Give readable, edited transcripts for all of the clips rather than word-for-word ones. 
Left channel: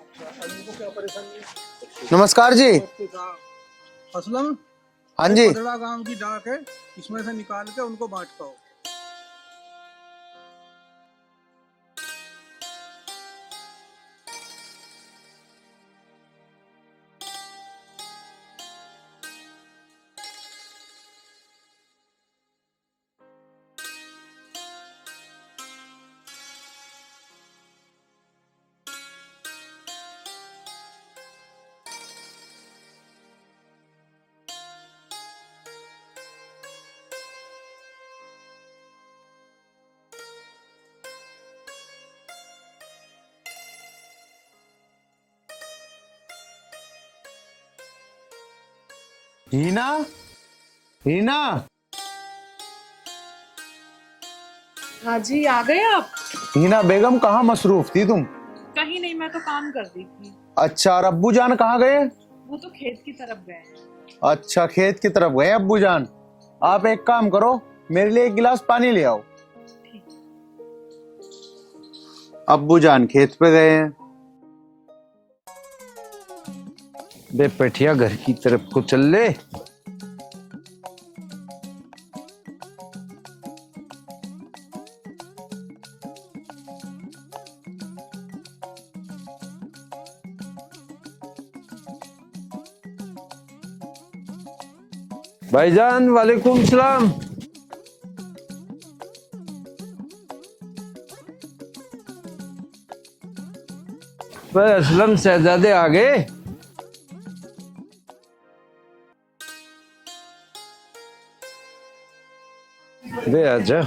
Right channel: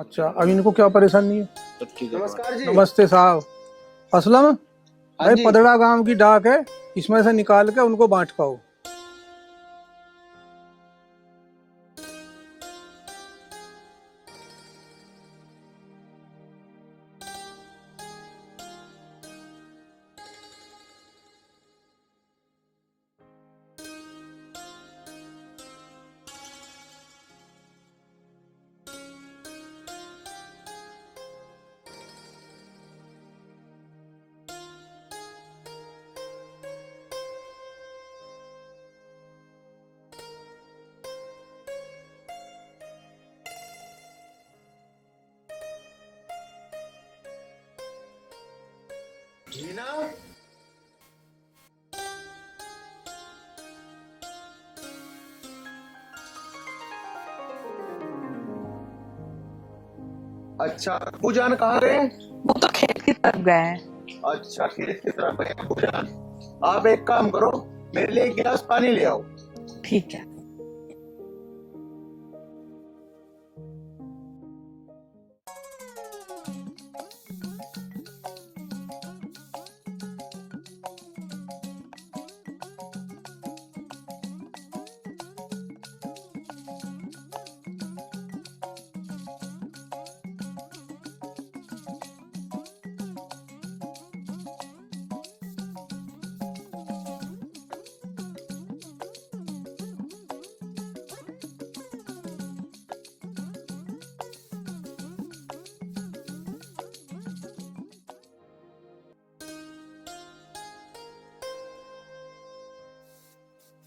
अच्छा, अब इनको क्या परेशानी है? नमस्कार जी। नमस्ते साहब। असलम हाँ भाई, जी। पदड़ा गांव की डाक है, इसमें से निकाल के उनको बांट पाओ। हीना, हीना। हाँ जी, आ गए आप? हीना बेगम, कहाँ मसरूफ थी तुम? कहीं नहीं, मैं तो काम कर रही थी। अच्छा, और अब्बू जान कहाँ गए? वो तो खेत की तरफ गए हैं। अच्छा, खेत की तरफ गए अब्बू जान। आप एक काम करो, मेरे लिए एक गिलास पानी ले आओ। ठीक है। अब्बू जान खेत पे गए हैं। बे पेठिया, घर की तरफ को चल ले। भाईजान, वालेकुम सलाम। बे असलम शहजादे आ गए? बे आजा।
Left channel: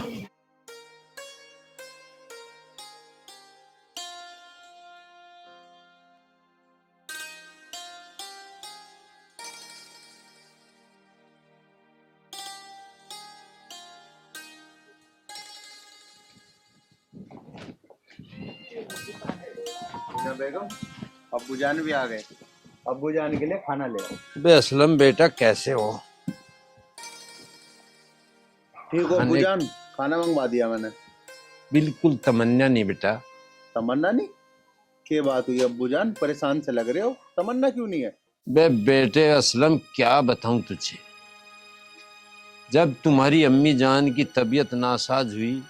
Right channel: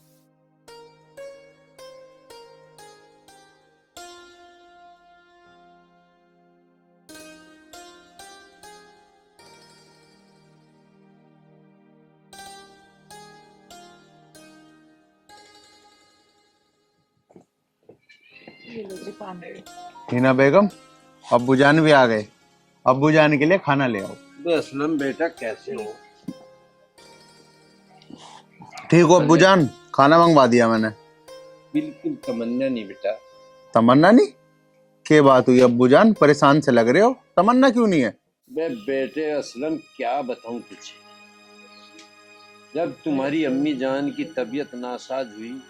हीना बेगम, अब्बू जान भी आ गए। अब्बू जान के लिए खाना ले आओ। बे असलम बेटा, कैसे हो? ठीक हो अब्बू जान? खाना मंगवा दिया मैंने। बिल्कुल तमन्ना नहीं बेटा। तमन्ना नहीं? क्या बात हुई अब्बू जान, परेशान से लग रहे हो? तमन्ना क्यों नहीं है? बे बेटे असलम, क्या बताऊं तुझे। जब तुम्हारी अम्मी जान की तबीयत नासाज हुई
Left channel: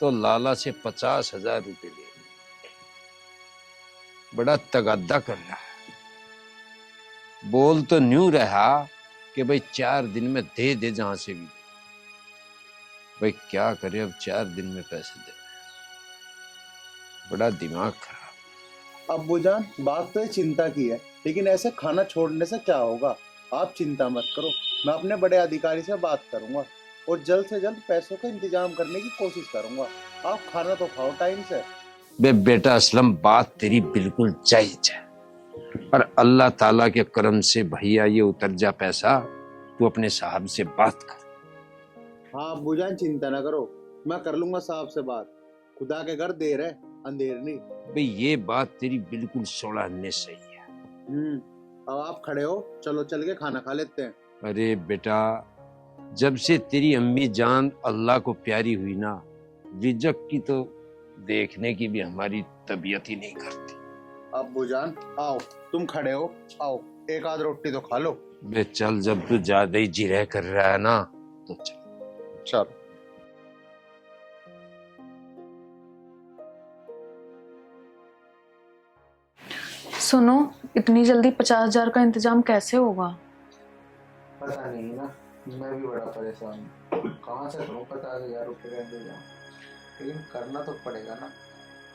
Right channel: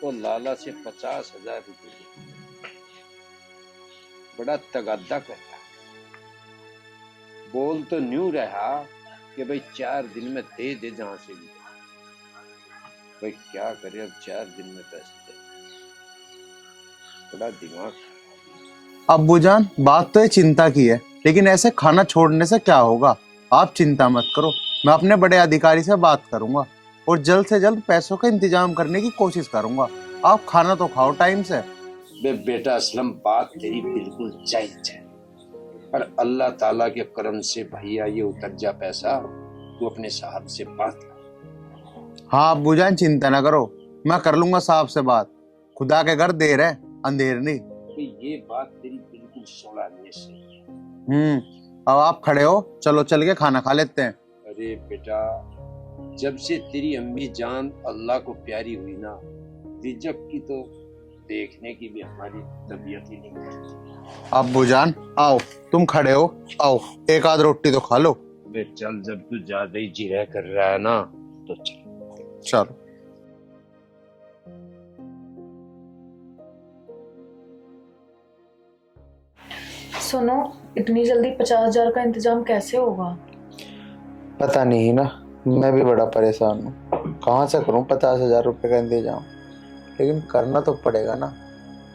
तो लाला से 50,000 रुपए लिए। बड़ा तगादा कर रहा। बोल तो न्यू रहा कि भाई 4 दिन में दे दे जहां से भी। भाई क्या करे, अब 4 दिन में पैसे दे। बड़ा दिमाग खराब। अब्बू जान, बात तो ये चिंता की है, लेकिन ऐसे खाना छोड़ने से क्या होगा? आप चिंता मत करो, मैं अपने बड़े अधिकारी से बात करूंगा और जल्द से जल्द पैसों का इंतजाम करने की कोशिश करूंगा। आप खाना तो खाओ टाइम से। बे बेटा असलम, बात तेरी बिल्कुल जायज है, पर अल्लाह ताला के करम से भैया ये उतर जा पैसा। तू अपने साहब से बात कर। हाँ अब्बू जान, चिंता ना करो, मैं कर लूंगा साहब से बात। खुदा के घर देर है, अंधेर नहीं। भाई ये बात तेरी बिल्कुल 16 अन्य सही है। अब आप खड़े हो, चलो चल के खाना खा लेते हैं। अरे बेटा, जब से तेरी अम्मी जान अल्लाह को प्यारी हुई ना, रिजक की तो देखने की भी हमारी तबीयत ही नहीं करती। अब्बू जान आओ, तुम खड़े हो, आओ एक आध रोटी तो खा लो। बे चल, जब तू ज्यादा ही जिरह कर रहा है ना तो चल। चलो। सुनो, इतनी जल्दी 50,000 का इंतजाम कैसे होगा? पता नहीं ना, मैं भी बड़ा परेशान हूँ। कहाँ से करूँ 50,000 रुपये का इंतजाम? लेकिन करना तो पड़ेगा ना।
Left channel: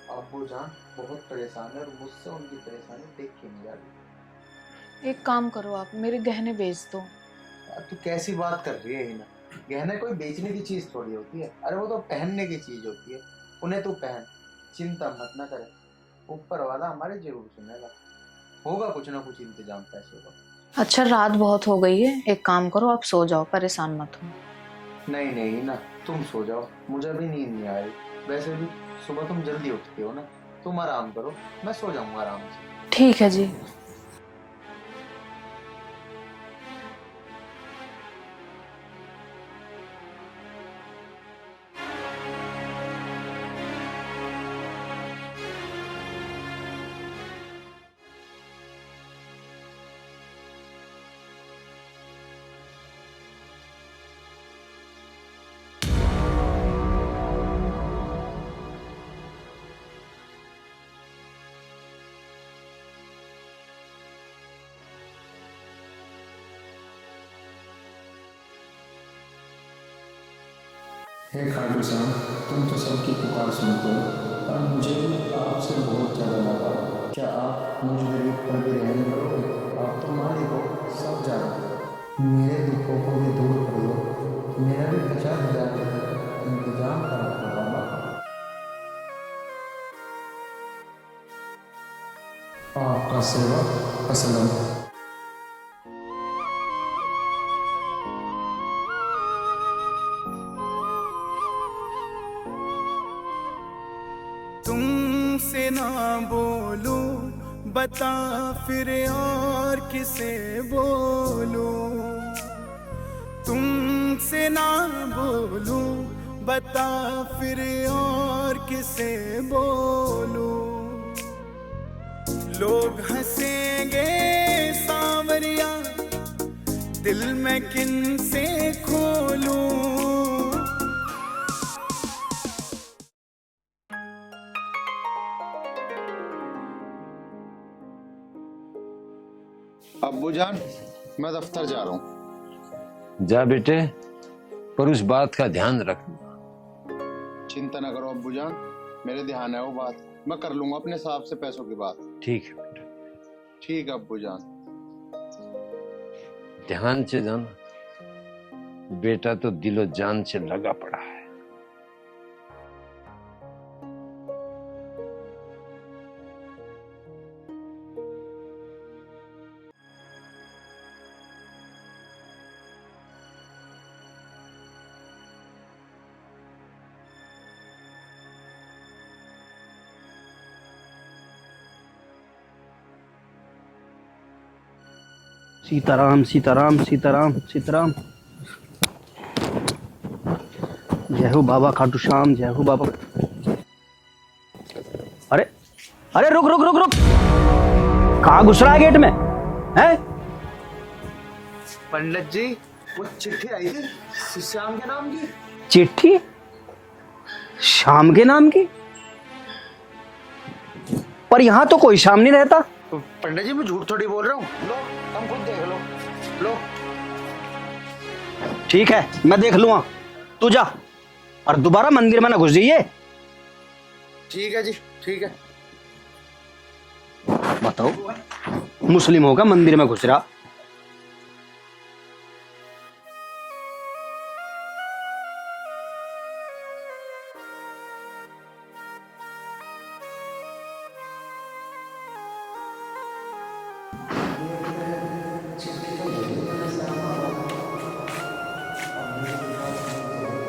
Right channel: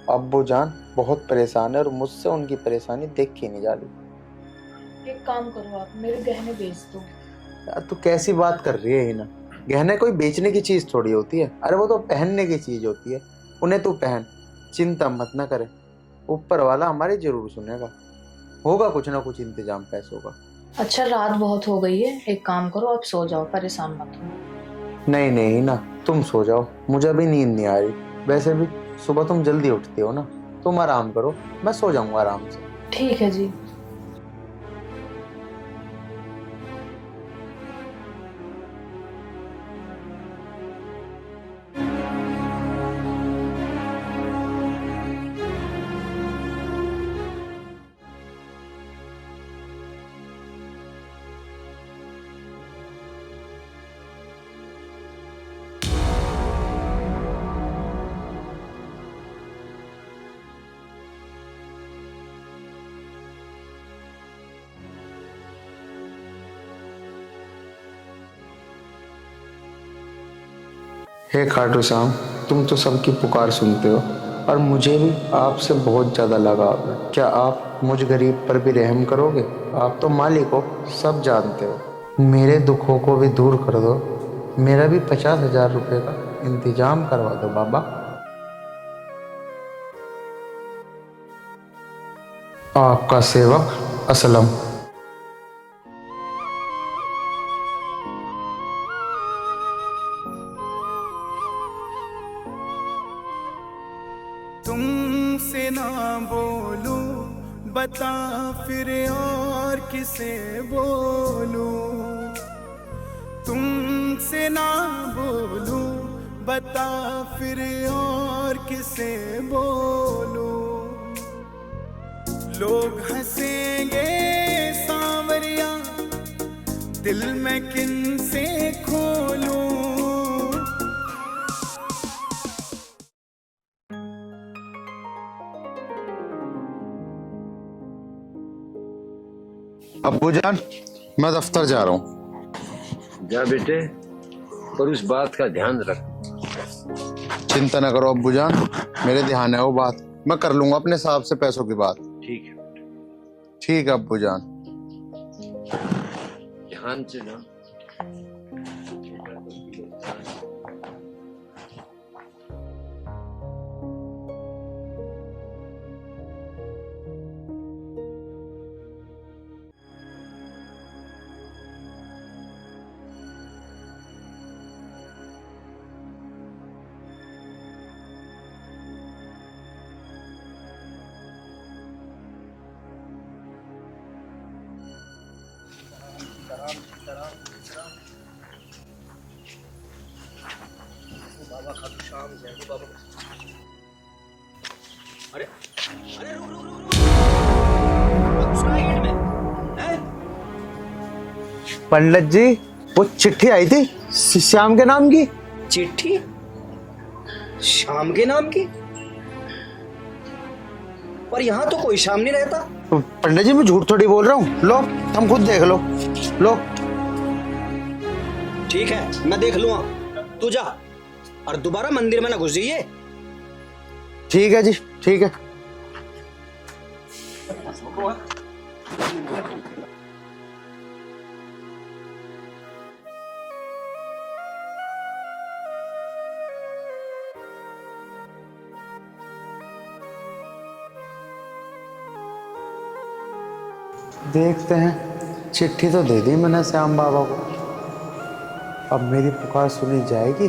अब्बू जान बहुत परेशान है और मुझसे उनकी परेशानी देख के नहीं जा रही। एक काम करो, आप मेरे गहने बेच दो। यार तू कैसी बात कर रही है हीना? गहने कोई बेचने की चीज थोड़ी होती है, अरे वो तो पहनने की चीज होती है। उन्हें तू पहन, चिंता मत ना करे। ऊपर वाला हमारी जरूर सुनेगा, होगा कुछ ना कुछ इंतजाम पैसों का। अच्छा, रात बहुत हो गई है, एक काम करो, आप सो जाओ, परेशान मत हो। नहीं नहीं ना, तुम सो जाओ, मुझे अभी नींद नहीं आ रही। वैसे भी सुबह तुम जल्दी उठती हो ना, तुम आराम करो, मैं सो जाऊंगा आराम से। ठीक है जी। हे खाटू श्याम, तुम तो सबकी पुकार सुनते हो और मुझे भी आपसे बहुत ज़्यादा लगाव है। क्या आप मुझ गरीब पर भी रहम करोगे? आप तो मालिक हो, सब जानते हो। मेरे दुखों को भी दूर कर दो, मेरा भी 50,000 रुपये का इंतजाम करवा दो बाबा। आपका सेवक असलम। तुमसे ना बोलूं बता फिर और किसे बोलूं, तुमसे ना बोलूं बता फिर और किसे बोलूं। लोग हंसेंगे सांवरिया, दिल में किन से खोलूं। अब्बू जान, मैं दफ्तर जा रहा हूँ। जा बेटे, पर उस बात का ध्यान रख। चिंता न करो अब्बू जान, मेरे ध्यान है वो बात। मैं कर लूंगा अपने साहब से पैसों की बात। ठीक है बेटे, ठीक है अब्बू जान। ध्यान से जाना, बेटा तो दिलो जान से लगा पड़ा है। सीताराम सीताराम सीताराम सीताराम। जय हो बाबा खाटू श्याम, जय हो बाबा। अरे अरे रुक रुक रुक रुक, कहाँ घुस रहा है गेट में? हैं? पंडित जी, वो चिट्ठी आई थी श्याम के नाम की। चिट्ठी? श्याम के नाम की? पर यहाँ तो कोई श्याम नहीं रहता। पंडित जी, मैं झूठ थोड़ी बोल रहा हूँ। लो, तुम खुद देख लो। लो। ठीक है, मैं देख लूंगा, तू जा और दोबारा मंदिर में ना घुस जाइए। ठीक है जी, ठीक है। बताओ, मुस्लिमों का मंदिर में घुस रहा। देखते हैं, चिट्ठी तो दे दी मैंने श्याम बाबा को। अब मेरी पुकार सुनी जाएगी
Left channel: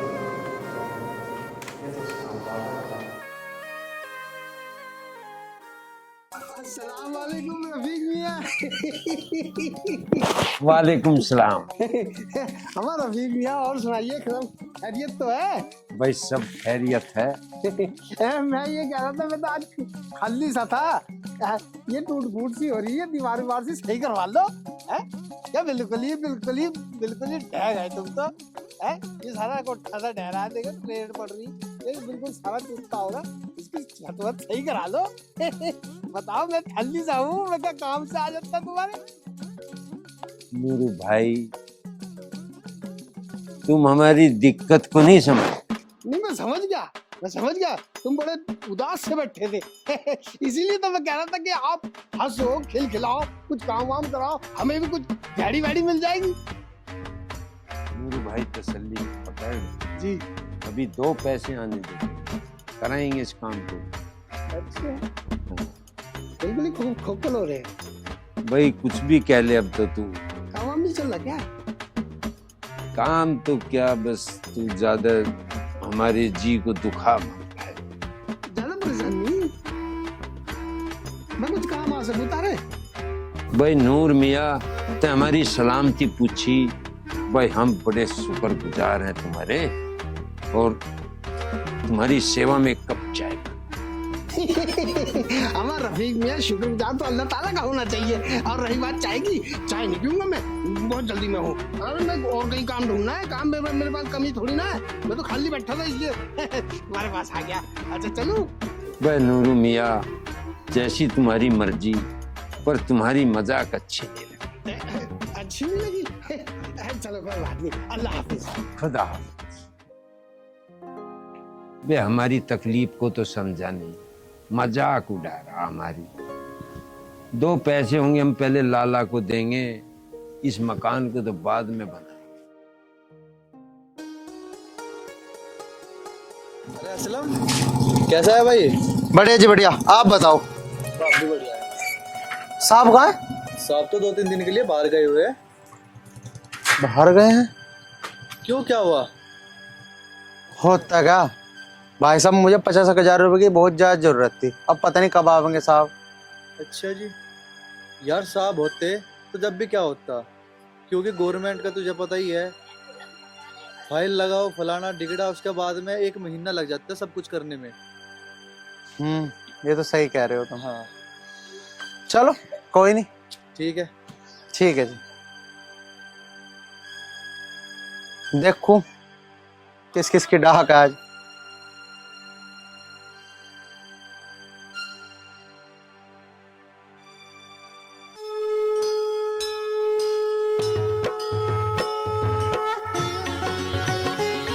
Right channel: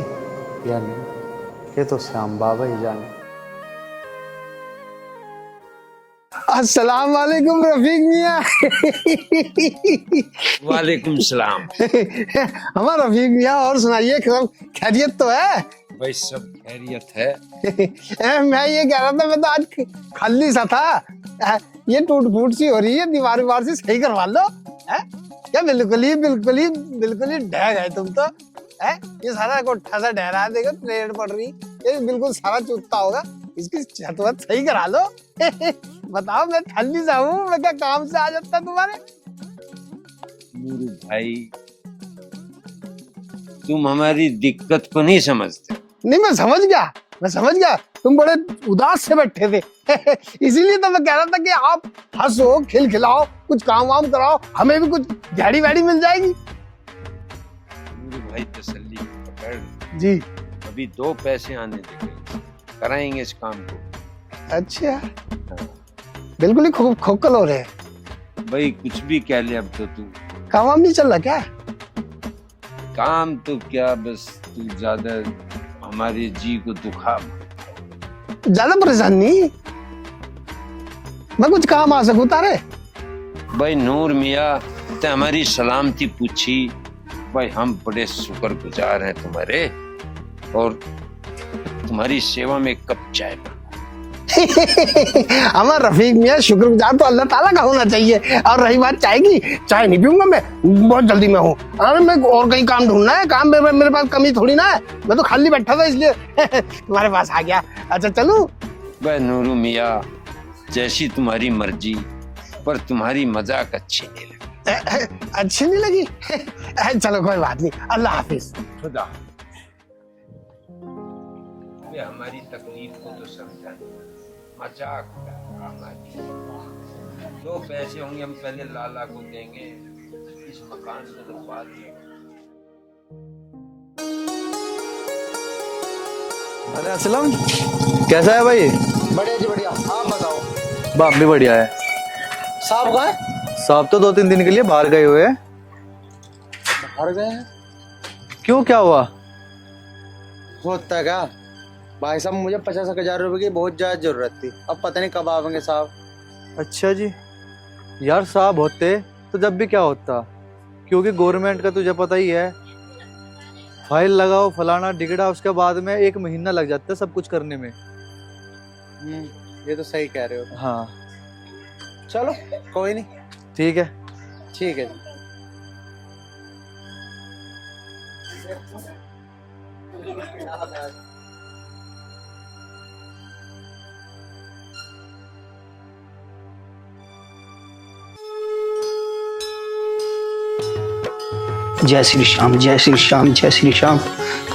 या नहीं, ये तो श्याम बाबा ही जाने। अस्सलाम वालेकुम रफीक मियाँ। वालेकुम सलाम। हमारा रफीक मियाँ, और सुनाइए, सब खैरियत तो है? भाई सब खैरियत है। मैं ये कह रहा था, मैं तो आज खाली सा था। ये टूट फूट सी हो रही है, दीवार वार से सही करवा लो। क्या बिल्कुल ही ढह गए तुम तो। ये सारा कोठा सा ढह रहा है, देखो ट्रेन पड़ रही, ये बिल्कुल सारा चूकता होगा, इसकी छत वत सही करा लो। बताओ, मैं खाली सा हूँ, मैं क्या काम से आ जाता तुम्हारे? नूरू भाई, तुम हमारी दिक्कत को नहीं समझते। नहीं, मैं समझ गया, तुम बड़े उदास से बैठे थे। इसीलिए तो मैं कह रहा था कि आप हंसो, खिलखिलाओ, कुछ काम वाम कराओ, हमें भी कुछ दिहाड़ी वैडी मिल जाएगी। नूरू भाई, तसल्ली पकड़ जी। अभी 2 पैसे आने दे, कराएंगे इस काम को। अच्छा, बिल्कुल ही खोखल हो रहे हैं। भाई कुछ भी कह ले, अब तो तू। काम वाम नहीं चल रहा क्या? काम तो क्या, बस तू ज्यादा हमारे जी को दुखा। ज्यादा परेशान नहीं, मैं कुछ काम आ सकूं तारे? भाई नूर मियाँ, ते हमारी सलामती पूछी। भाई हम बड़े शुक्रगुजार हैं तुम्हारे, और तुम्हारी सेवा में कब चाय। हमारा रफीक मियाँ, शुक्रगुजार तो अल्लाह ताला का होना चाहिए। और रही बात चाय की, चाय नहीं पीऊंगा मैं, बहुत जल्दी में हूँ। अरे मैं और कहीं काम ढूंढना है, काम में मेरे पास कमी थोड़ी ना है, मैं तो खाली बैठा था इसलिए तुम्हारे पास आ गया। अच्छा चलूं? भाई नूरू मियाँ, जैसी तुम्हारी मर्जी, पर तुम्हारी मजाक अच्छी नहीं लगी। अच्छी नहीं लगी? चलो कोई बात नहीं, अल्लाह हाफिज। खुदा। वे हमारी तकलीफ को तो समझा नहीं, मजाक उड़ा रहा हमारी। 2 पैसे होंगे हम पहले लाला को देंगे, इस मकान को तो बाद में बना। अरे असलम, कैसा है भाई? बढ़िया जी बढ़िया, आप बताओ। बाप भी बढ़िया है। साहब कहाँ है? साहब तो 2-3 दिन के लिए बाहर गए हुए हैं। बाहर गए हैं? क्यों, क्या हुआ? होता क्या भाई साहब, मुझे 50,000 रुपए की बहुत ज्यादा जरूरत थी, अब पता नहीं कब आवेंगे साहब। अच्छा जी। यार साहब होते तो जब भी क्या होता, क्योंकि गवर्नमेंट का तुझे पता ही है, फाइल लगाओ फलाना डिगड़ा, उसके बाद में 1 महीना लग जाता है सब कुछ करने में। ये तो सही कह रहे हो। तो हाँ चलो कोई नहीं, ठीक है। ठीक है जी। देखूं किस किस की डाक है आज। जय श्री श्याम, जय श्री श्याम, जय श्री श्याम,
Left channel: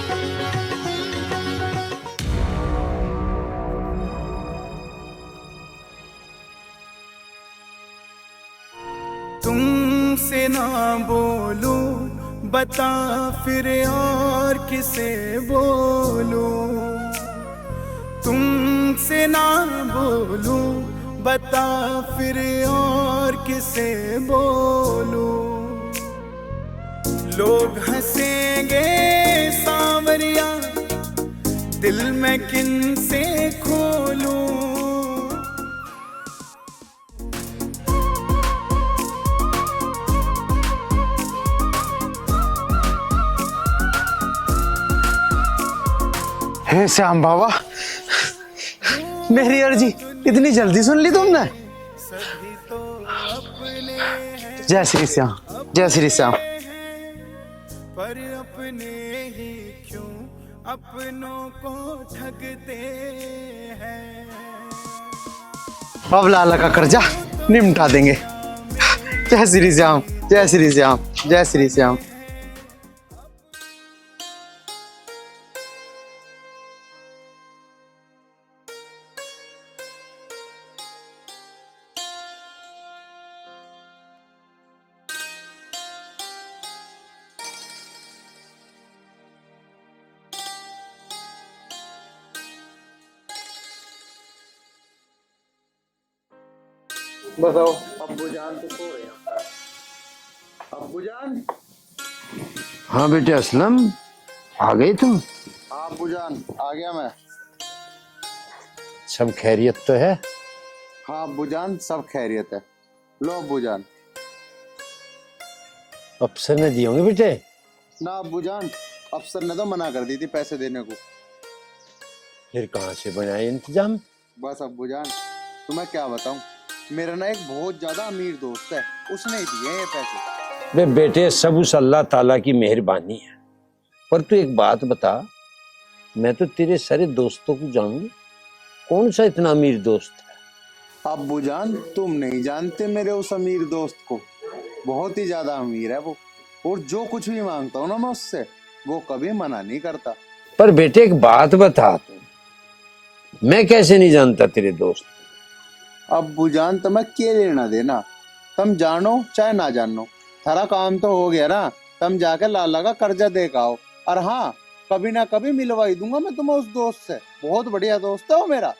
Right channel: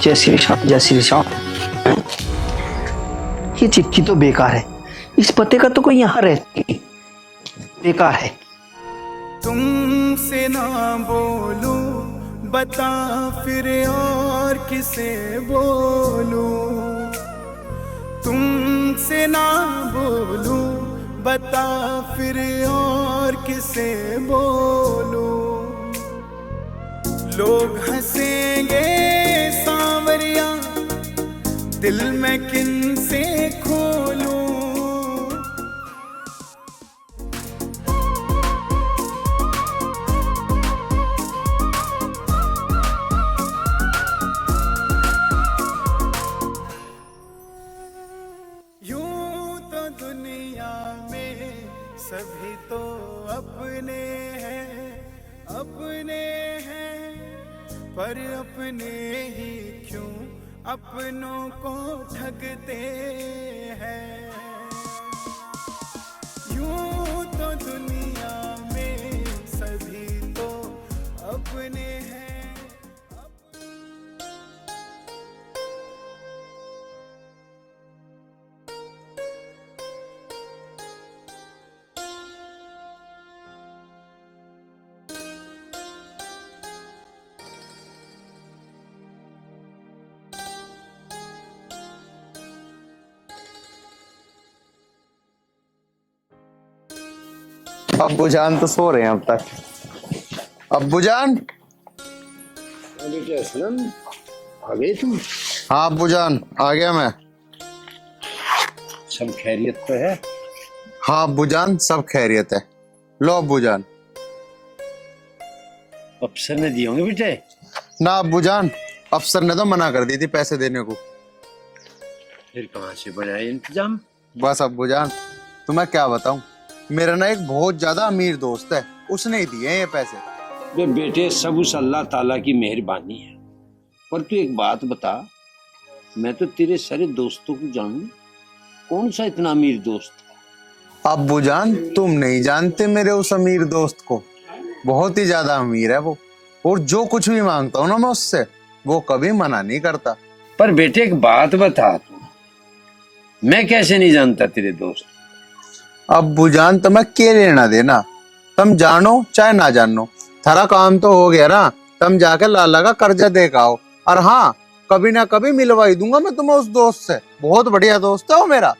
जय श्री श्याम, जय श्री श्याम। ये चिट्ठी तो बेकार है, इस पते का तो कोई यहाँ रहती, बेकार है। तुमसे ना बोलूं बता फिर और किसे बोलूं, तुमसे ना बोलूं बता फिर और किसे बोलूं। लोग हंसेंगे सांवरिया, दिल में किन से खोलूं। हे श्याम बाबा, मेरी अर्जी इतनी जल्दी सुन ली तुमने? सभी तो अपने हैं, जय श्री श्याम, जय श्री श्याम। पर अपने ही क्यों अपनों को ठगते हैं। अब लाला का कर्जा निपटा देंगे। जय श्री श्याम, जय श्री श्याम, जय श्री श्याम। बताओ, अब्बू जान तो सो रहे हैं अब तक। अब्बू जान। हाँ बेटे असलम, आ गए तुम? हाँ अब्बू जान, आ गया मैं। सब खैरियत तो है? हाँ अब्बू जान, सब खैरियत है। लो अब्बू जान। अफसर ने दिए होंगे बेटे? ना अब्बू जान, अफसर ने तो मना कर दी थी पैसे देने को। फिर कहाँ से बनाए इंतजाम? बस अब्बू जान, तुम्हें क्या बताऊं, मेरा ना एक बहुत ज्यादा अमीर दोस्त है, उसने ही दिए ये पैसे। वे बेटे सब उस अल्लाह ताला की मेहरबानी है। पर तू एक बात बता, मैं तो तेरे सारे दोस्तों को जानूं, कौन सा इतना अमीर दोस्त है? अब्बू जान, तुम नहीं जानते मेरे उस अमीर दोस्त को, बहुत ही ज्यादा अमीर है वो, और जो कुछ भी मांगता हूँ ना मैं उससे, वो कभी मना नहीं करता। पर बेटे एक बात बता तू, मैं कैसे नहीं जानता तेरे दोस्त? अब्बू जान, तुम्हें क्या लेना देना, तुम जानो चाहे ना जानो, थारा काम तो हो गया ना। तुम जाके लाला का कर्जा दे के आओ, और हाँ कभी ना कभी मिलवा ही दूंगा मैं तुम्हें उस दोस्त से, बहुत बढ़िया दोस्त है वो मेरा।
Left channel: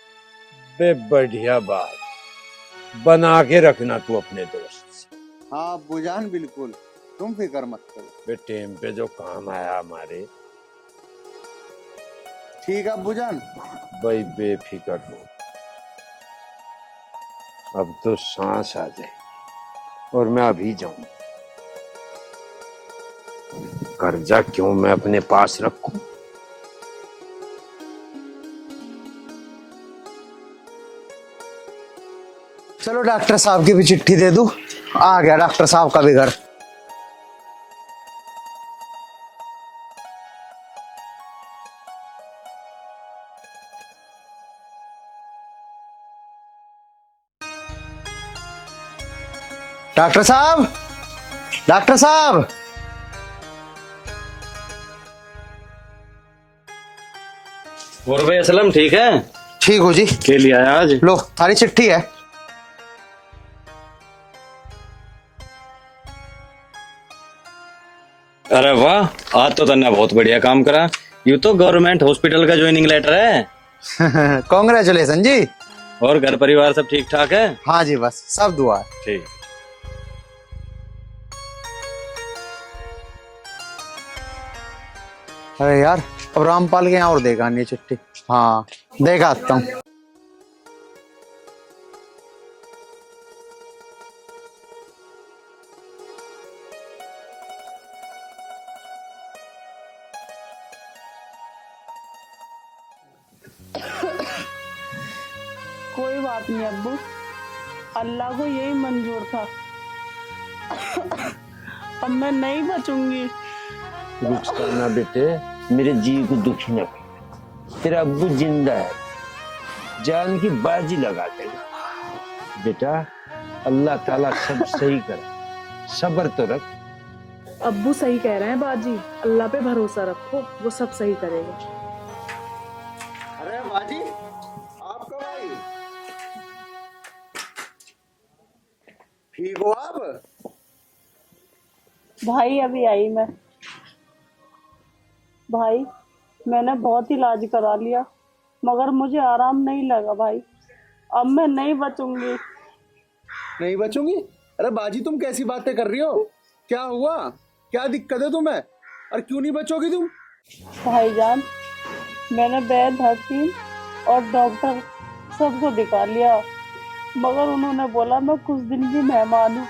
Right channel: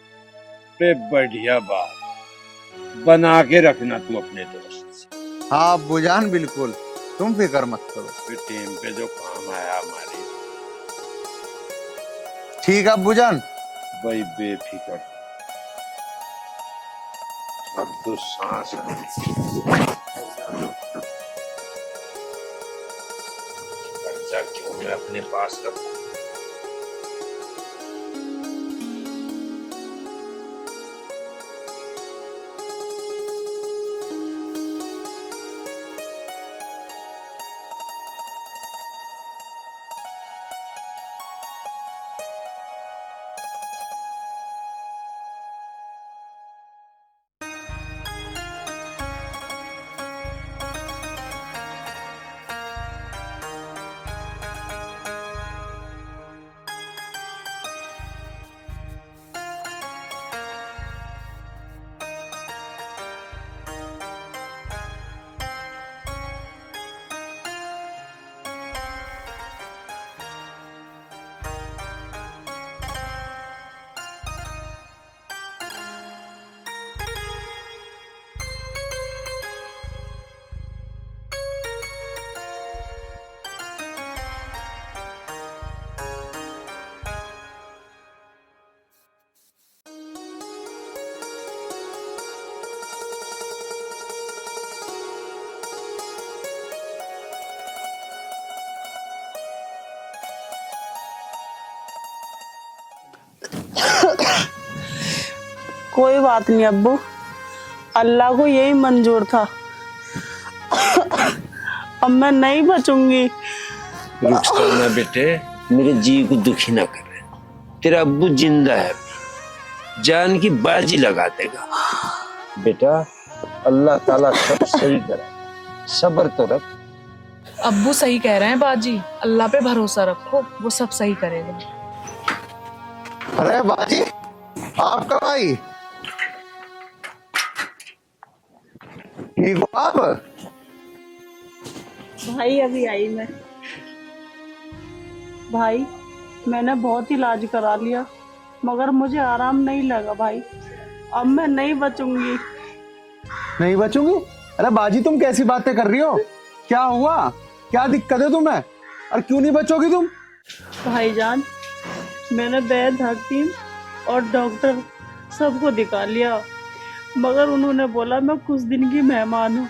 बे बढ़िया बात, बना के रखना तू अपने दोस्त से। हाँ अब्बू जान बिल्कुल, तुम फिक्र मत करो। बे टाइम पे जो काम आया हमारे। ठीक है अब्बू जान। भाई बेफिक्र हो, अब तो सांस आ गई और मैं अभी जाऊं। कर्जा क्यों मैं अपने पास रखूं? चलो डॉक्टर साहब की भी चिट्ठी दे दूं, आ गया डॉक्टर साहब का भी घर। डॉक्टर साहब, डॉक्टर साहब। और भाई असलम ठीक है? ठीक हो जी। के लिए आया आज? लो थारी चिट्ठी है। अरे वाह, आज तो तन्ने बहुत बढ़िया काम करा। यू तो गवर्नमेंट हॉस्पिटल का ज्वाइनिंग लेटर है। कांग्रेचुलेशन जी। और घर परिवार सब ठीक ठाक है? हाँ जी, बस सब दुआ है। ठीक। अरे यार, अब रामपाल के यहाँ और देखा नहीं चिट्ठी। हाँ देखा आता हूँ। कोई बात नहीं अब्बू, अल्लाह को यही मंजूर था। अब मैं नहीं बचूंगी। रुक ना बेटे, मेरे जी को दुखी ना कर। तेरा अब्बू जिंदा है, जान की बाजी लगा देगा। बेटा अल्लाह ताला सब सही करे, सब्र तो रख। अब्बू सही कह रहे हैं बाजी, अल्लाह पे भरोसा रखो, वो सब सही करेगा। अरे बाजी, आप कब आई? ठीक हो आप? भाई अभी आई मैं। भाई मैंने बहुत इलाज करा लिया, मगर मुझे आराम नहीं लगा भाई। अब मैं नहीं बचूंगी। नहीं बचूंगी? अरे बाजी तुम कैसी बातें कर रही हो? क्या हुआ? क्या दिक्कत है तुम्हें? और क्यों नहीं बचोगी तुम? भाईजान, मैंने वैद्य, हकीम और डॉक्टर सबको दिखा लिया, मगर उन्होंने बोला मैं कुछ दिन की मेहमान हूँ।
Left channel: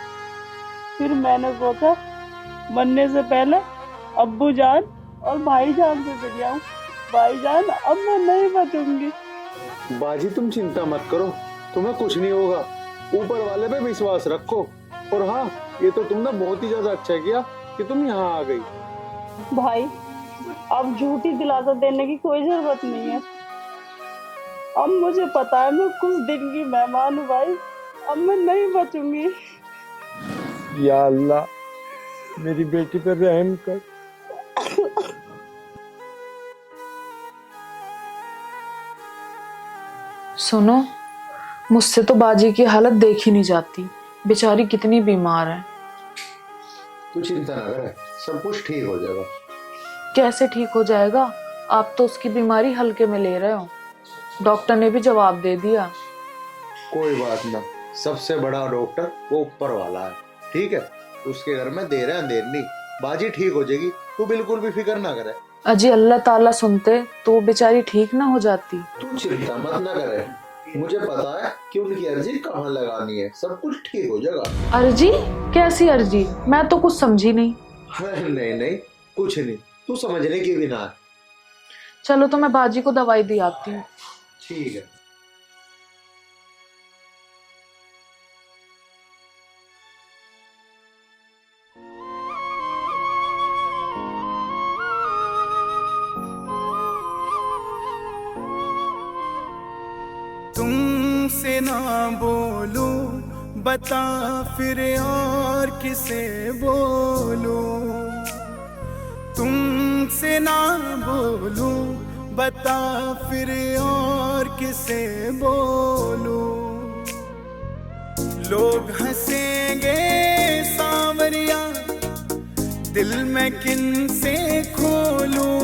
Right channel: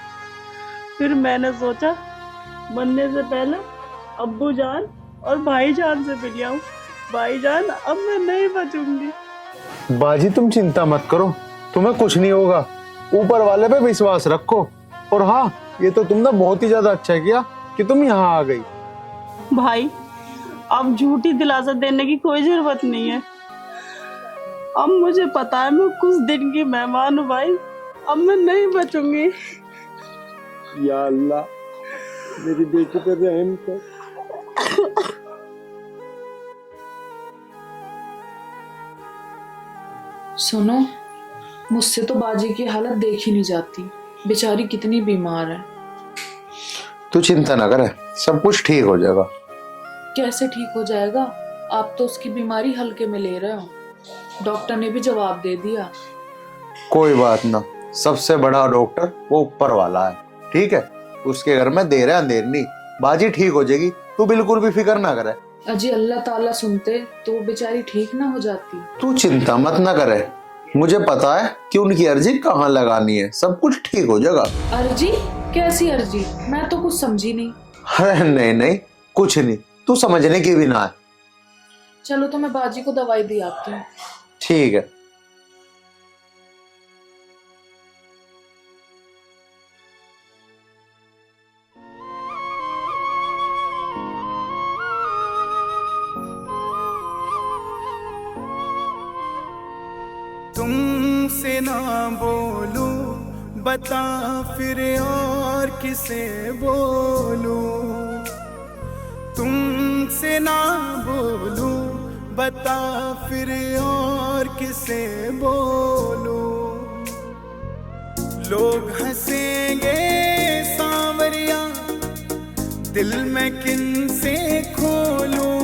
फिर मैंने सोचा मरने से पहले अब्बू जान और भाईजान से मिल जाऊं। भाईजान अब मैं नहीं बचूंगी। बाजी तुम चिंता मत करो, तुम्हें कुछ नहीं होगा। ऊपर वाले पे विश्वास रखो। और हाँ, ये तो तुमने बहुत ही ज्यादा अच्छा किया कि तुम यहाँ आ गई। भाई अब झूठी दिलासा देने की कोई जरूरत नहीं है। अब मुझे पता है मैं कुछ दिन की मेहमान हूँ भाई। अब मैं नहीं बचूंगी। या अल्लाह, मेरी बेटी पर रहम कर। सुनो, मुझसे तो बाजी की हालत देखी नहीं जाती, बेचारी कितनी बीमार है। तू चिंता ना कर, सब कुछ ठीक हो जाएगा। कैसे ठीक हो जाएगा? आप तो उसकी बीमारी हल्के में ले रहे हो, डॉक्टर ने भी जवाब दे दिया। कोई बात ना, सबसे बड़ा डॉक्टर वो ऊपर वाला है, ठीक है? उसके घर में देर है अंधेर नहीं, बाजी ठीक हो जाएगी, तू बिल्कुल भी फिक्र ना करे। अजी अल्लाह ताला सुनते तो बेचारी ठीक ना हो जाती। तू चिंता मत ना करे, मुझे पता है कि उनकी अर्जी कहाँ लगानी है, सब कुछ ठीक हो जाएगा। अर्जी? कैसी अर्जी? मैं तो कुछ समझी नहीं। अरे नहीं नहीं, कुछ नहीं, तू समझने की भी ना है। चलो तो मैं बाजी को दवाई दी आती हूँ। ठीक है। तुमसे ना बोलूं, बता फिर और किसे बोलूं। तुमसे ना बोलूं, बता फिर और किसे बोलूं। लोग हंसेंगे सांवरिया, दिल में किन से खोलूं।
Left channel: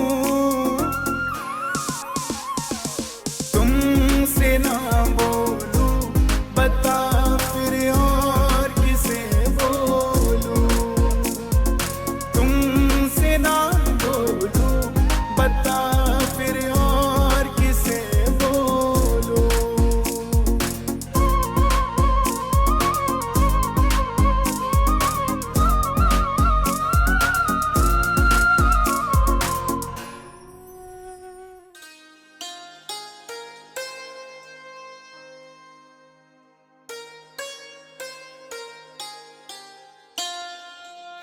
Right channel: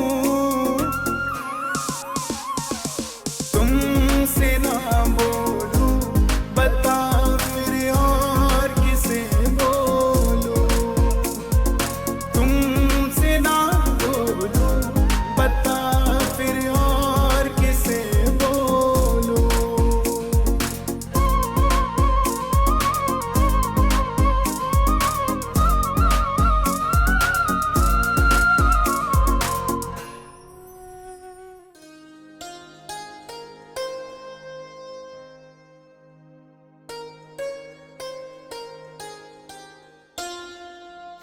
तुमसे ना बोलूं, बता फिर और किसे बोलूं। तुमसे ना बोलूं, बता फिर और किसे बोलूं।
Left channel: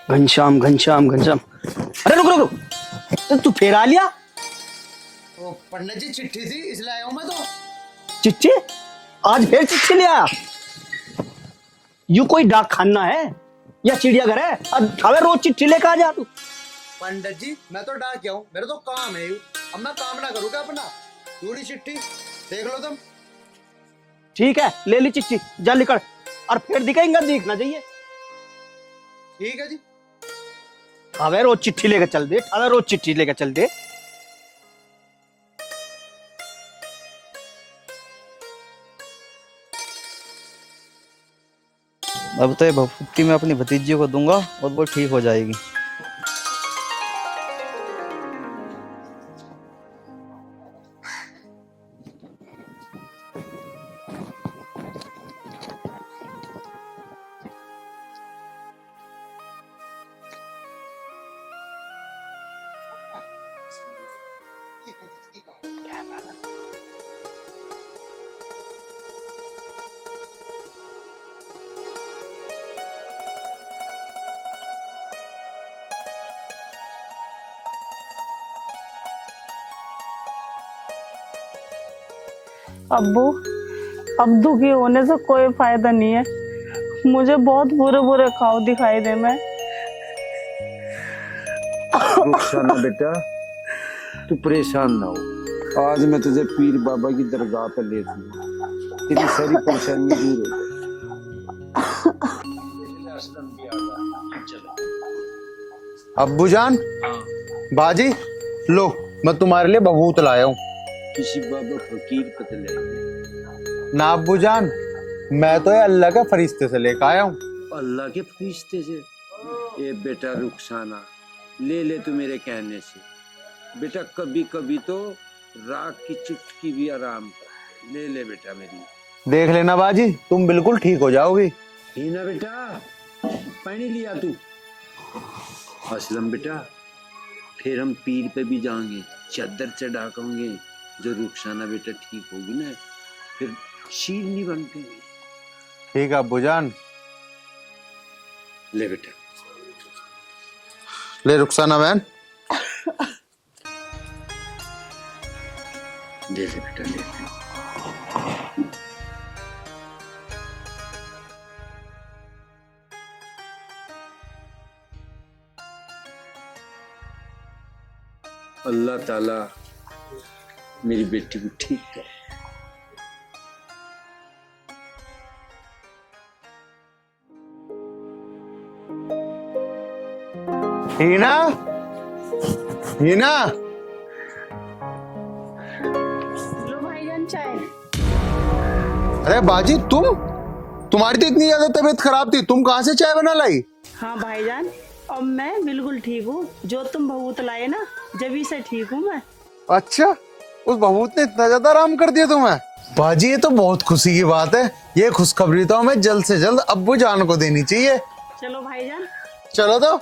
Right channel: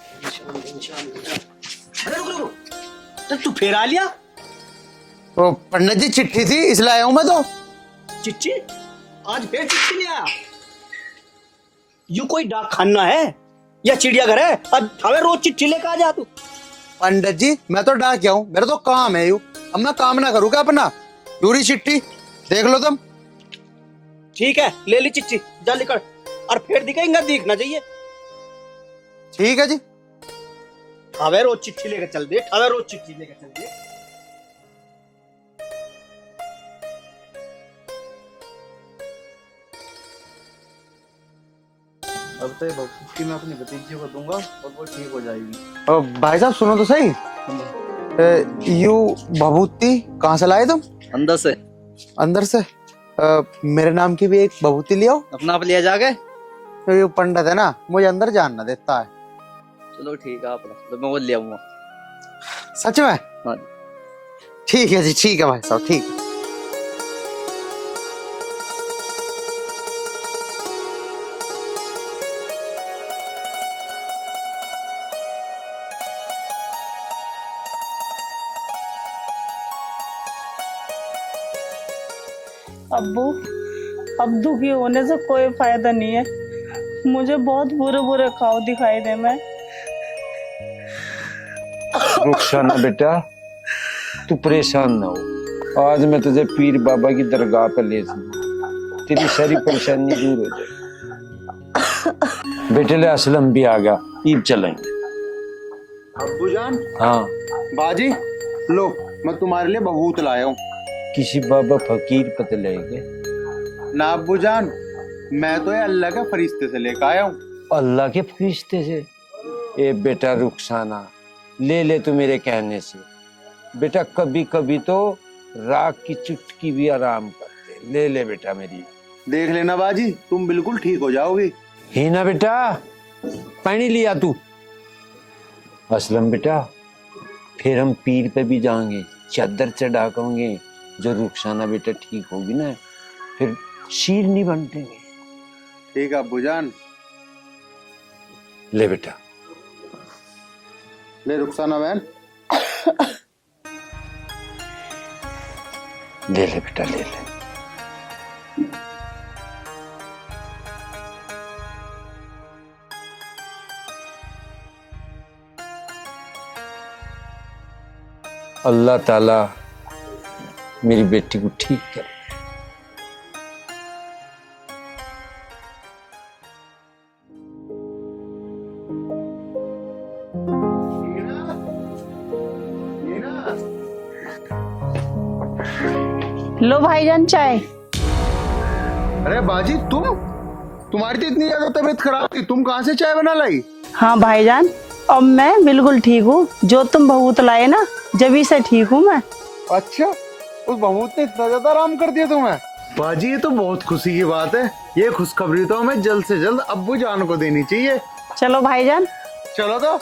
घनश्याम घनश्याम घनश्याम। अरे रुक रुक रुक, तो तू फिर आ लिया? तो पंडित जी चिट्ठी थी इसलिए आया हूं मैं तो। चिट्ठी? आज फिर चिट्ठी ले आया? यू कोई डाक खाना है या चिड़ियाघर है? अब हमें रोज चिट्ठी लेकर आ जा तू। पंडित जी मैं तो डाक गया हूँ, मेरा तो काम है यू। अब मैं काम ना करूँ क्या अपना? पूरी चिट्ठी देख लो तुम। ठीक है, ले ली चिट्ठी, जा निकल। और फिर दिखाएंगे, दिखना चाहिए। ठीक है जी। हमें रोज चिट्ठी लेकर चल दे, हमें रोज चिट्ठी लेकर चल दे। अब तो ये भभूति मैं अपनी भतीजी को दूंगा और वो ठीक हो जाएगी। और भाई साहब सुनो तो सही, यू भभूति कहाँ से लाए तुम? अंदर से। अंदर से? मेरे नाम की भी एक भभूति ले आओ। अपना आप लिया जाके। तो ये पंडित है ना, मुझे अंदर जाना देता है। चलो ठीक है, आप तो मैं वो ले आऊंगा। सच में? हाँ। ठीक है जी, ठीक है भाई साहब, ठीक है। अब्बू, अब दुखी होने से कोई फायदा नहीं है। मुझे बहुत बुरे बुरे खाओ दिखाई दे। मैं रुखसाना बेटा, तू परेशान ना हो। आज मैं तुझे पीर बाबा की दरगाह पर ले चलूंगा, तेरी सारी परेशानी दूर हो जाए। बेटे ले असलम भी आ गया, ईद चलेंगे। अब्बू जान। हाँ बाजी लो, मैं तुम्हारे लिए भभूत लाया हूँ। किसी बाबा फकीर पते लेंगे ना अब्बू जान, मैं तो ये अल्लाह के फरिश्ते से लेकर आया हूँ। अल्लाह के फरिश्ते से? ए बेटा रुखसाना, ले ले तू मेरे कहने से। बेटा कभी कभी तो राख की चुटकी भी आराम करते। ले ले बेटा मेरी। देख लेना बाजी, तुम बिल्कुल ठीक हो जाओगी। ही ना बेटा, पानी लिया तू। असलम बेटा, फिर हम पीर पे भी जाएंगे, चादर चढ़ा करेंगे। जो रुखसाना बेटा ठीक होगी ना, फिर शीर नहीं बनते। ठीक है अब्बू जान। ले बेटा, ले रुखसाना बहन। ले ले बेटा, ले ले। अल्लाह ताला मेरी बेटी को ठीक कर। हीना, हीना। लो भाईजान चाय। अरे बाजी तुम्हारी तो इतनी ज्यादा तबीयत खराब थी, तुम कहाँ से चाय बना लाई? हाँ भाईजान, अब मैं बिल्कुल ठीक हूँ। जो तुम भभूत लाए ना, जब से ठीक हूँ मैं। अच्छा, उस भभूत ने इतना ज्यादा आराम कर दिया तुम्हें? बाजी ये तो बहुत खुशी की बात है। ये खुशखबरी तो हमें जल्द से जल्द अब्बू जान को देनी चाहिए। चलो भाईजान। चलो तो।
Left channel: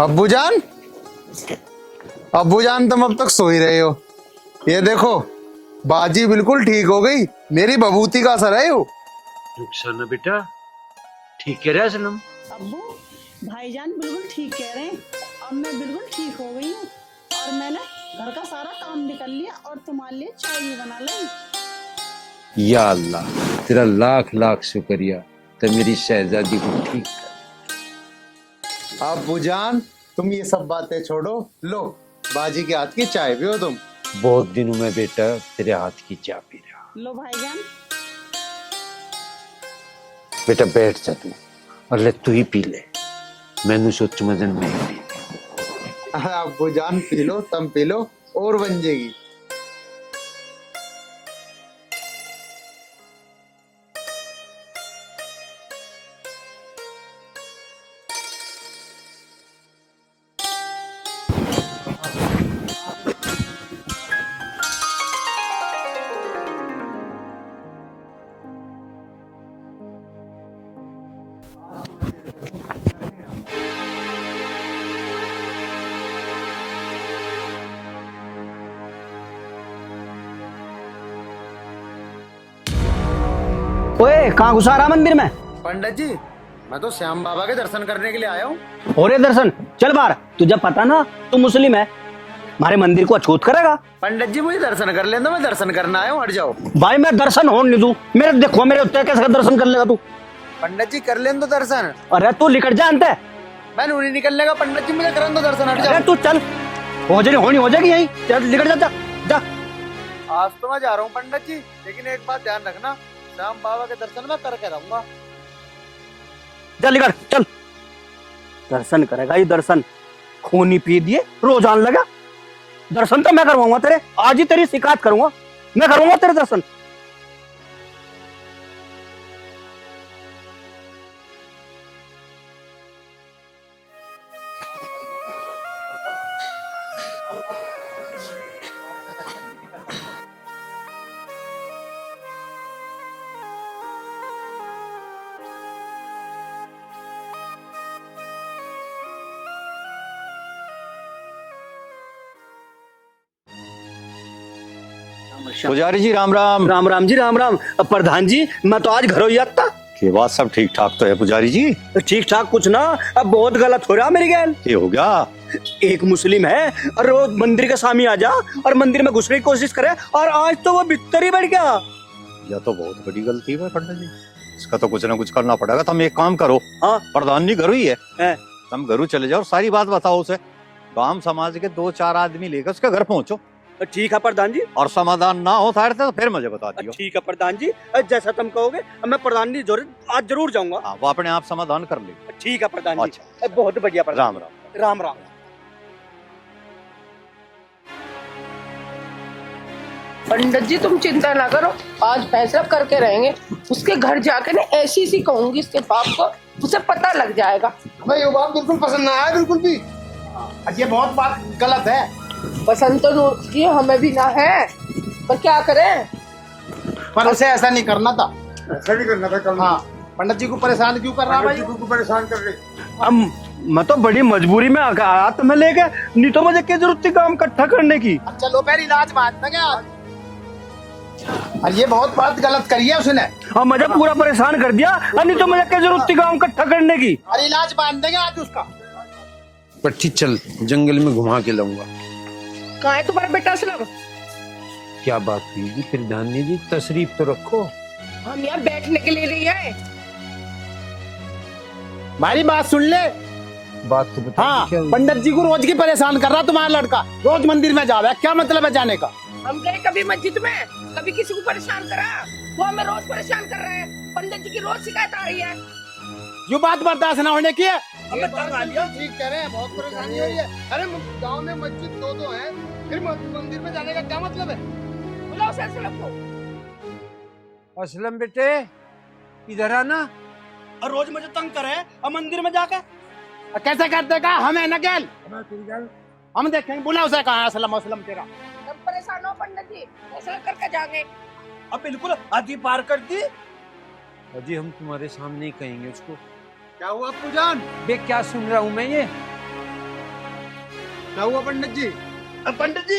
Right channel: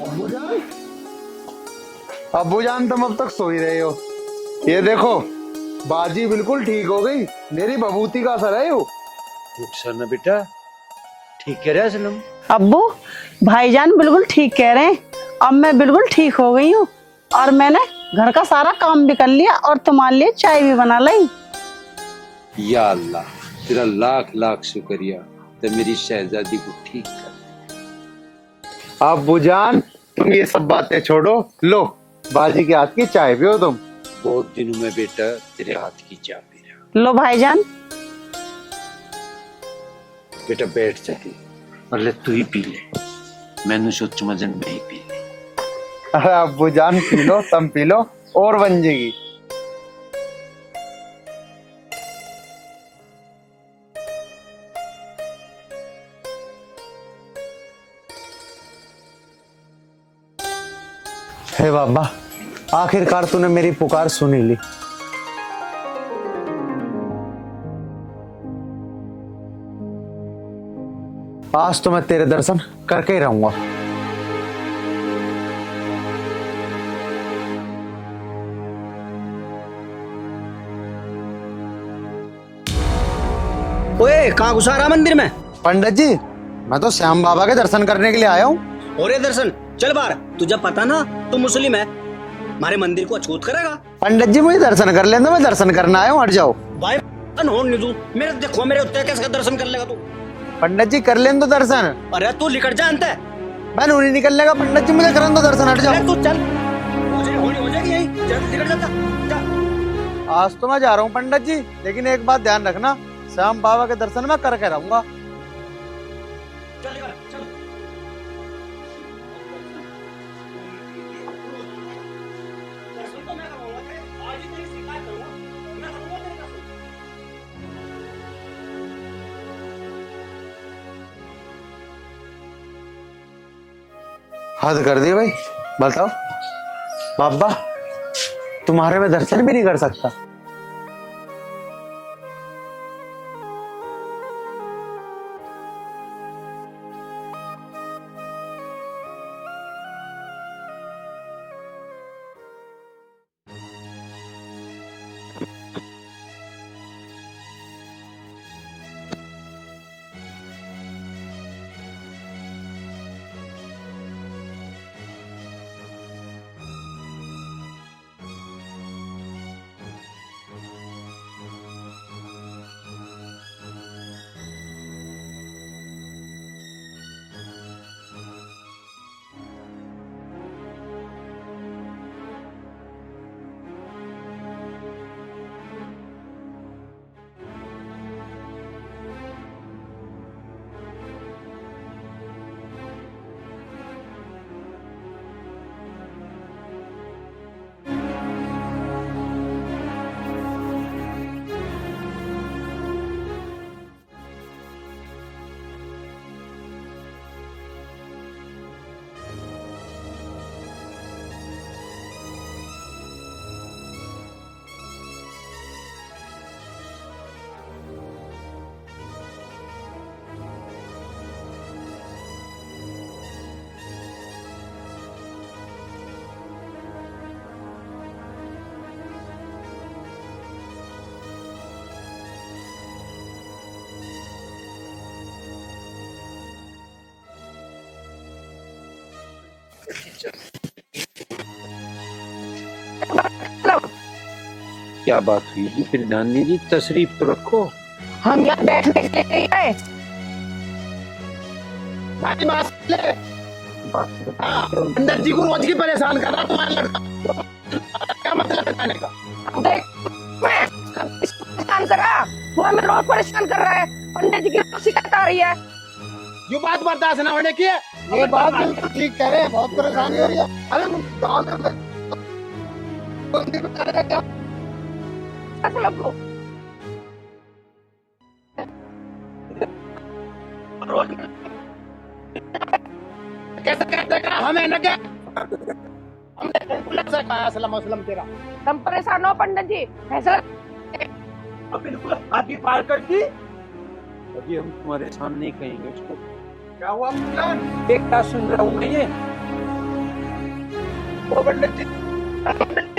अब्बू जान, अब्बू जान तुम अब तक सो ही रहे हो। ये देखो, बाजी बिल्कुल ठीक हो गई। मेरी भभूति का असर है यो। रुखसाना बेटा, ठीक कह रहे असलम। अब्बू, भाईजान बिल्कुल ठीक कह रहे हैं। अब मैं बिल्कुल ठीक हो गई हूँ और मैंने घर का सारा काम भी कर लिया और तुम्हारे लिए चाय भी बना ली। या अल्लाह, तेरा लाख लाख शुक्रिया। तो मेरी शहजादी को ठीक कर। अब्बू जान, तुम ये सब बातें छोड़ो, लो बाजी के हाथ की चाय पियो तुम। बहुत दिनों में बेटा तेरे हाथ की चाय पी रहा। लो भाईजान। बेटा बैठ जाके और ले तू ही पी ले। मैंने सोच मजन में पी ले। अरे अब्बू जान पी लो, तुम पी लो और बन जाएगी। हे बाबा, आखिरकार तूने मेरी पुकार सुनी ली। आज तो मैं तेरे दर्शन करके ही रहूंगा। ओए, कहाँ घुसा रहा मंदिर में? पंडित जी, मैं तो श्याम बाबा के दर्शन करने के लिए आया हूँ। हो रहे दर्शन, चल बाहर। तुझे पता ना तू मुस्लिम है, हमारे मंदिर को अछूत करेगा। पंडित जी मुझे दर्शन कर लेना, मैं दर्शन करना आया हूँ, हट जाओ। भाई मैं दर्शन होने नहीं दूं। मेरे देखो, मेरे उत्ते कैसे दर्शन कर लेगा तू? पंडित जी कर लें तो दर्शन। अरे तू लिकट जानता है, मैं नहीं निकलने का पंडित जी, मुझे करन दो दर्शन, हट जाओ। अरे तू चल, होनी हो जाएगी यही, चल निकल जा, जा। आज तो मैं जा रहा हूँ पंडित जी, लेकिन एक बात ध्यान रखना, श्याम बाबा के दर्शन मैं करके रहूंगा। चल निकल, चल। दर्शन करेगा ये दर्शन, खूनी पी दिए, रोज आने लगा। दर्शन तो मैं करवाऊंगा तेरे, आज ही तेरी शिकायत करूंगा, मैं करूंगा तेरे दर्शन। हद कर दी भाई। बताओ बाबा, तुम्हारे में दर्शन भी नहीं कर सकता? पुजारी जी राम राम। राम राम जी, राम राम। अब प्रधान जी, मैं तो आज घर ही आता। ये बात सब ठीक ठाक तो है पुजारी जी? ठीक ठाक कुछ ना, अब बहुत गलत हो रहा मेरे गैल। ये हो गया? एक मुस्लिम है और वो मंदिर के सामने आ जा और मंदिर में घुसने की कोशिश करे, और आज तो वो भीतर ही बैठ गया। यह तो बहुत बड़ी गलती है पंडित जी, इसका तो कुछ ना कुछ करना पड़ेगा। तुम एक काम करो, हाँ प्रधान जी घरू ही है, है। तुम घरू चले जाओ, सारी बात बताओ उसे। काम समाज के 2-4 आदमी लेकर उसके घर पहुंचो, ठीक है प्रधान जी। और समाधान ना हो सारे तो फिर मुझे बता दियो। ठीक है प्रधान जी, जैसा तुम कहोगे। मैं प्रधान जी आज जरूर जाऊंगा। हाँ, वो अपने आप समाधान कर ले। ठीक है प्रधान जी। अच्छा, बहुत बढ़िया प्रधान। राम राम। राम राम। पंडित जी तुम चिंता ना करो, आज फैसला करके रहेंगे। उसके घर जाके ना ऐसी सी कहूंगी इसके बाप को, उसे पता लग जाएगा। भाई ये बात बिल्कुल पसंद ना आया, बिल्कुल भी। ये बहुत बात गलत है। पसंद तो उसकी हमें भी ना है, पर क्या करें। पर उसे ऐसा नहीं करना था, ऐसा नहीं करना था। हाँ, पंडित जी को परेशान क्यों कर रहा भाई? पंडित जी को परेशान कर रही। अब मैं तो बड़ी मजबूरी में आया तुम्हें लेके, नहीं तो मुझे क्या जरूरत थी काम इकट्ठा करने की। चलो पहले इलाज बात ना क्या, और ये बहुत बात गलत करी है उसने। हाँ, मुझे पूरा परेशान कर दिया, नहीं तो मुझे क्या जरूरत थी काम इकट्ठा करने की। और इलाज बांध देंगे आज उसका। पट्टी चल, जंगल में घुमा के लाऊंगा। कहाँ है तुम्हारा बेटा असलम? क्या बात हुई जी? प्रधान जी तशरीफ तो रखो। हम यहाँ बैठने के लिए नहीं आए। हमारी बात सुन ले। बात तो बता। हाँ, पंडित जी को रोज की परेशान कर रहा तुम्हारा लड़का, रोज मंदिर में जा रहा है। क्या मतलब है जाने का? हम गए कभी मस्जिद में, कभी किसी को परेशान करा, वो हमें रोज परेशान कर रहा है। पंडित जी की रोज शिकायत आ रही है। जो बात बर्दाश्त न होने की है, ये बात बिल्कुल ठीक कह रहे हैं। बहुत परेशानी हो रही है। अरे गाँव में मस्जिद 2 है, फिर मंदिर में जाने का क्या मतलब है? बुलाओ उसे असलम को। असलम बेटे इधर आना। और रोज मुझे तंग करे और मंदिर में जाके कैसे करते का हमें नकेल हम देखे। बुला उसे, कहा असलम असलम तेरा। तुम परेशान हो पंडित जी, फैसला करके जाएंगे। अब बिल्कुल आगे पार कर दी। अजय हम तुम्हारे सामने ही कहेंगे उसको। क्या हुआ पूजान? ये क्या सुन रहा हूँ मैं? ये क्या हुआ पंडित जी? पंडित जी,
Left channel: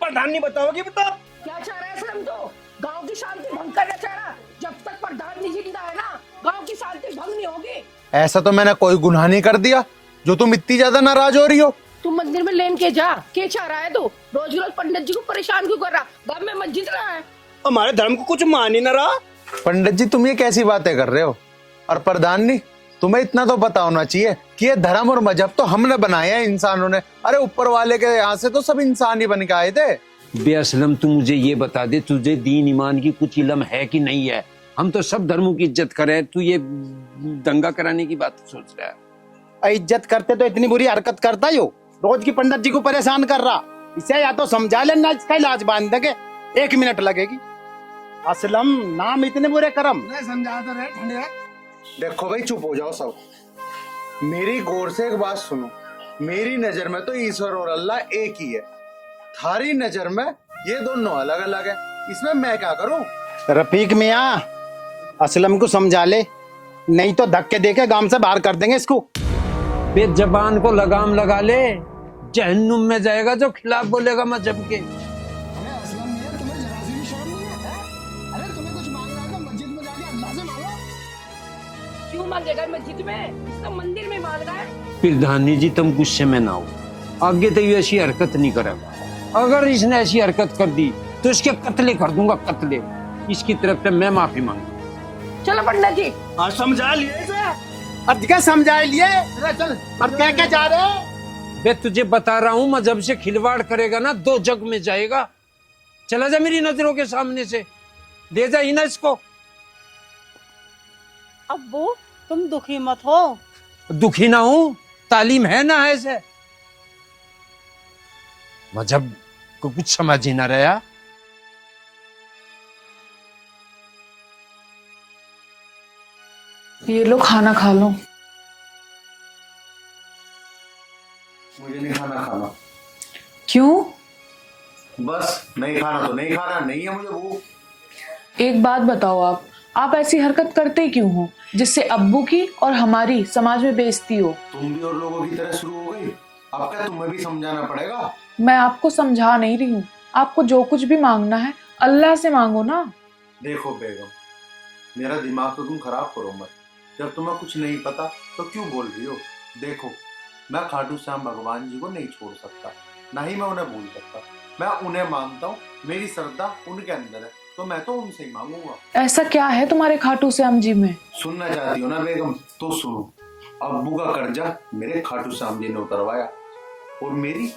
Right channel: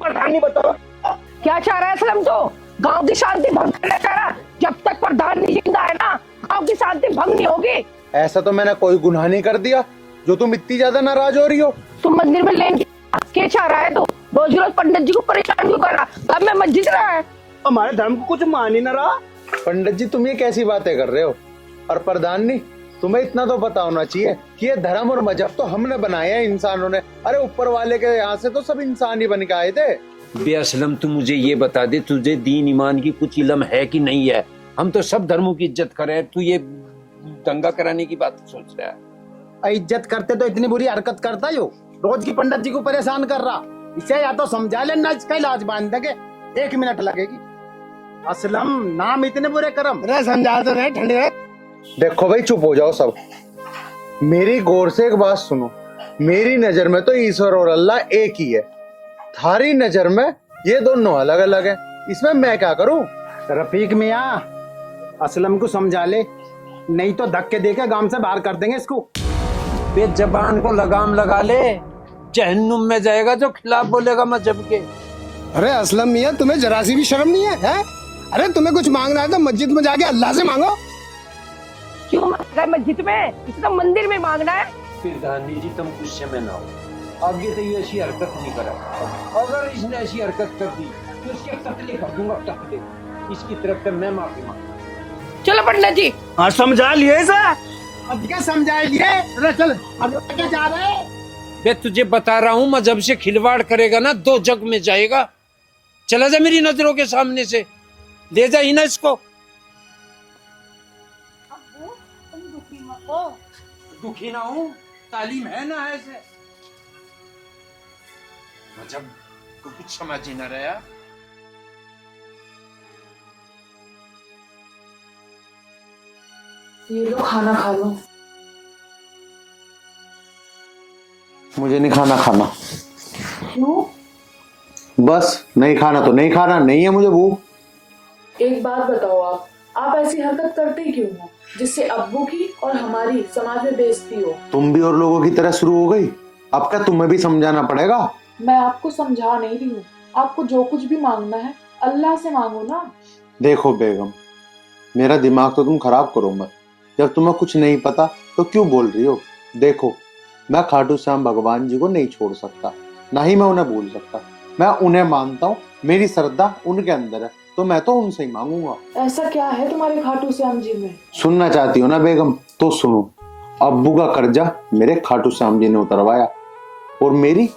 प्रधान नहीं बताओगी? बताओ क्या चाह रहा है असलम? तो गांव की शांति भंग करना चाह रहा। जब तक प्रधान नहीं जिंदा है ना, गांव की शांति भंग नहीं होगी। ऐसा तो मैंने कोई गुनाह नहीं कर दिया जो तुम इतनी ज्यादा नाराज हो रही हो। तुम मंदिर में लेके जा। क्या चाह रहा है? तो रोज रोज पंडित जी को परेशान क्यों कर रहा? घर में मस्जिद रहा है। हमारे धर्म को कुछ मान ही न रहा। पंडित जी तुम ये कैसी बातें कर रहे हो? और प्रधान जी, तुम्हें इतना तो पता होना चाहिए कि ये धर्म और मजहब तो हमने बनाए हैं इंसानों ने। अरे ऊपर वाले के यहाँ से तो सब इंसान ही बन के आए थे। बेअसलम तू मुझे ये बता दे, तुझे दीन ईमान की कुछ इल्म है कि नहीं है? हम तो सब धर्मों की इज्जत करें, तू ये दंगा कराने की बात सोच रहा है? इज्जत करते तो इतनी बुरी हरकत करता ही हो, रोज की पंडित जी को परेशान कर रहा। इसे या तो समझा लेना, इसका इलाज बांध देंगे, 1 मिनट लगेगी। असलम नाम इतने बुरे करम। अरे समझा तो रहे, ठंडे। देखो भाई चुप हो जाओ सब, मेरी गौर से एक बात सुनो। मेरी नजर में तो ईश्वर और अल्लाह एक ही है, थारी नजर में ये दोनों अलग अलग है। इसमें मैं क्या करूं? रफीक मियाँ, असलम को समझा ले, नहीं तो धक्के देके गांव से बाहर कर देंगे इसको। जबान को लगाम लगा ले, जहन्नुम में जाएगा जो खिलाफ बोलेगा मजहब के। अरे असलम मियाँ, तुम्हें जरा सी भी शर्म नहीं है? अरे तुम्हें कुछ मांगना है तो मस्जिद में जाके अल्लाह से मांगो। क्यों मांगेगा मस्जिद में? इसे तो मंदिर में मांगना है। प्रधानी जी तुम गुस्से में ना हो, आगे तो ये ऐसी हरकत नहीं करेगा। अगर इसने ऐसी हरकत कर दी तो इसके कत्ले कर दूंगा, कत्ले। इसकी तरफ से मैं माफी मांग। चलो पंडित जी। हाँ समझा लिए इसे। अब क्या समझाए लिए? अरे चल, अब कह के जा रहे हैं? बे तुझे बता रहा हूँ, मजहब से खिलवाड़ करेगा ना दो जग में जाएगा। चला जा मेरी नजरों के सामने से, ले जा ही ना इसको। अब्बू तुम दुखी मत हो। दुखी ना हूं, तालीम है ना ऐसे। मजहब को कुछ समझ ही ना रहा। ये लो खाना खा लो। मुझे नहीं खाना खाना। क्यों? बस नहीं खाना तो नहीं खाना, नहीं है मुझे भूख। एक बात बताओ, आप ऐसी हरकत करते ही क्यों हो जिससे अब्बू की और हमारी समाज में बेइज्जती हो? तुम भी और लोगों की तरह शुरू हो गई, अब क्या तुम्हें भी समझाना पड़ेगा? मैं आपको समझा नहीं रही हूँ, आपको जो कुछ भी मांगना है अल्लाह से मांगो ना। देखो बेगम, मेरा दिमाग तो तुम खराब करो मत। जब तुम्हें कुछ नहीं पता तो क्यों बोल रही हो? देखो, मैं खाटू श्याम भगवान जी को नहीं छोड़ सकता, ना ही मैं उन्हें भूल सकता। मैं उन्हें मानता हूँ, मेरी श्रद्धा उनके अंदर है, तो मैं तो उनसे ही मांगूंगा। ऐसा क्या है तुम्हारे खाटू श्याम जी में? सुनना चाहती हो ना बेगम, तो सुनो। अब्बू का कर्जा मेरे खाटू श्याम जी ने उतरवाया, और मेरी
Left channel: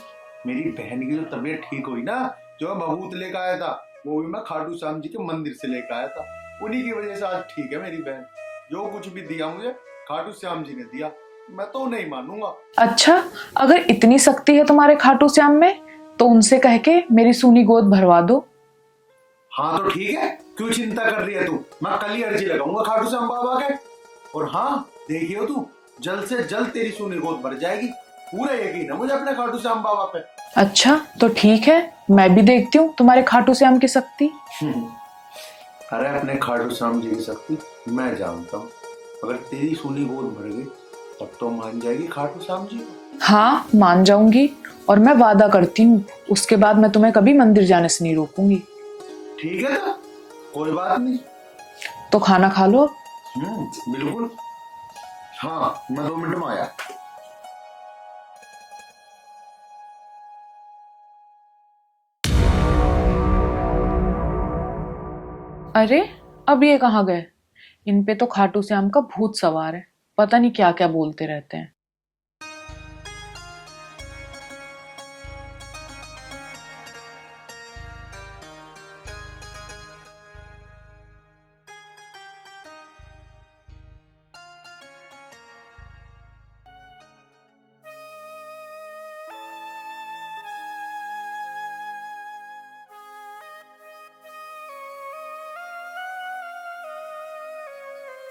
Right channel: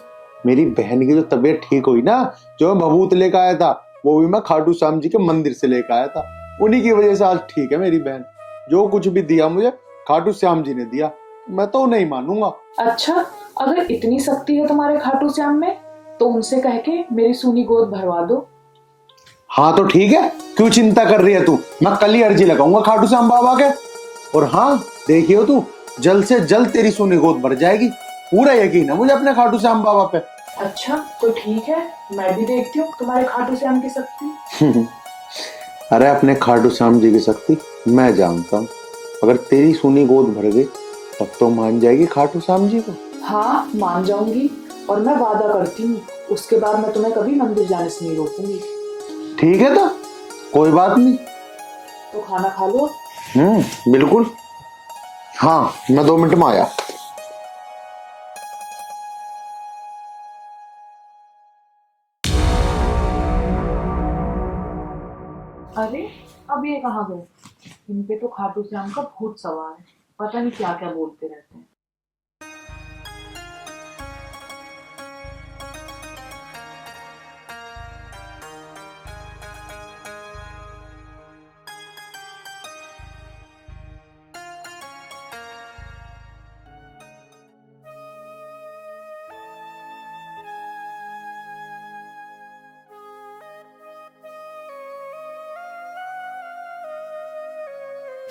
बहन की जो तबीयत ठीक हुई ना, जो मैं भभूत लेकर आया था, वो भी मैं खाटू श्याम जी के मंदिर से लेकर आया था। उन्हीं की वजह से आज ठीक है मेरी बहन। जो कुछ भी दिया मुझे खाटू श्याम जी ने दिया, मैं तो नहीं मानूंगा। अच्छा, अगर इतनी शक्ति है तुम्हारे खाटू श्याम में, तो उनसे कह के मेरी सूनी गोद भरवा दो। हाँ तो ठीक है, क्यों चिंता कर रही है तू? मैं कल ही अर्जी लगाऊंगा खाटू श्याम बाबा के। और हाँ देखियो तू, जल्द से जल्द तेरी सूनी गोद भर जाएगी। पूरा यकीन है मुझे अपने खाटू श्याम बाबा पे। अच्छा तो ठीक है, मैं भी देखती हूँ तुम्हारे खाटू श्याम की शक्ति। अरे अपने खाटू श्याम जी की शक्ति मैं जानता हूँ। अगर तेरी सूनी गोद भर गई तब तो मान जाएगी खाटू श्याम जी को। हाँ मान जाऊंगी, और मैं वादा करती हूँ उसके बाद मैं तुम्हें कभी मंदिर जाने से नहीं रोकूंगी। ठीक है तो कोई बात नहीं। तो खाना खा लो। बिल्कुल। हाँ मैं 2 मिनट में आया। अरे अब ये कहाँ गए? इन पे तो खाटू श्याम का भूत सवार है, पता नहीं क्या क्या बोलते रहते हैं।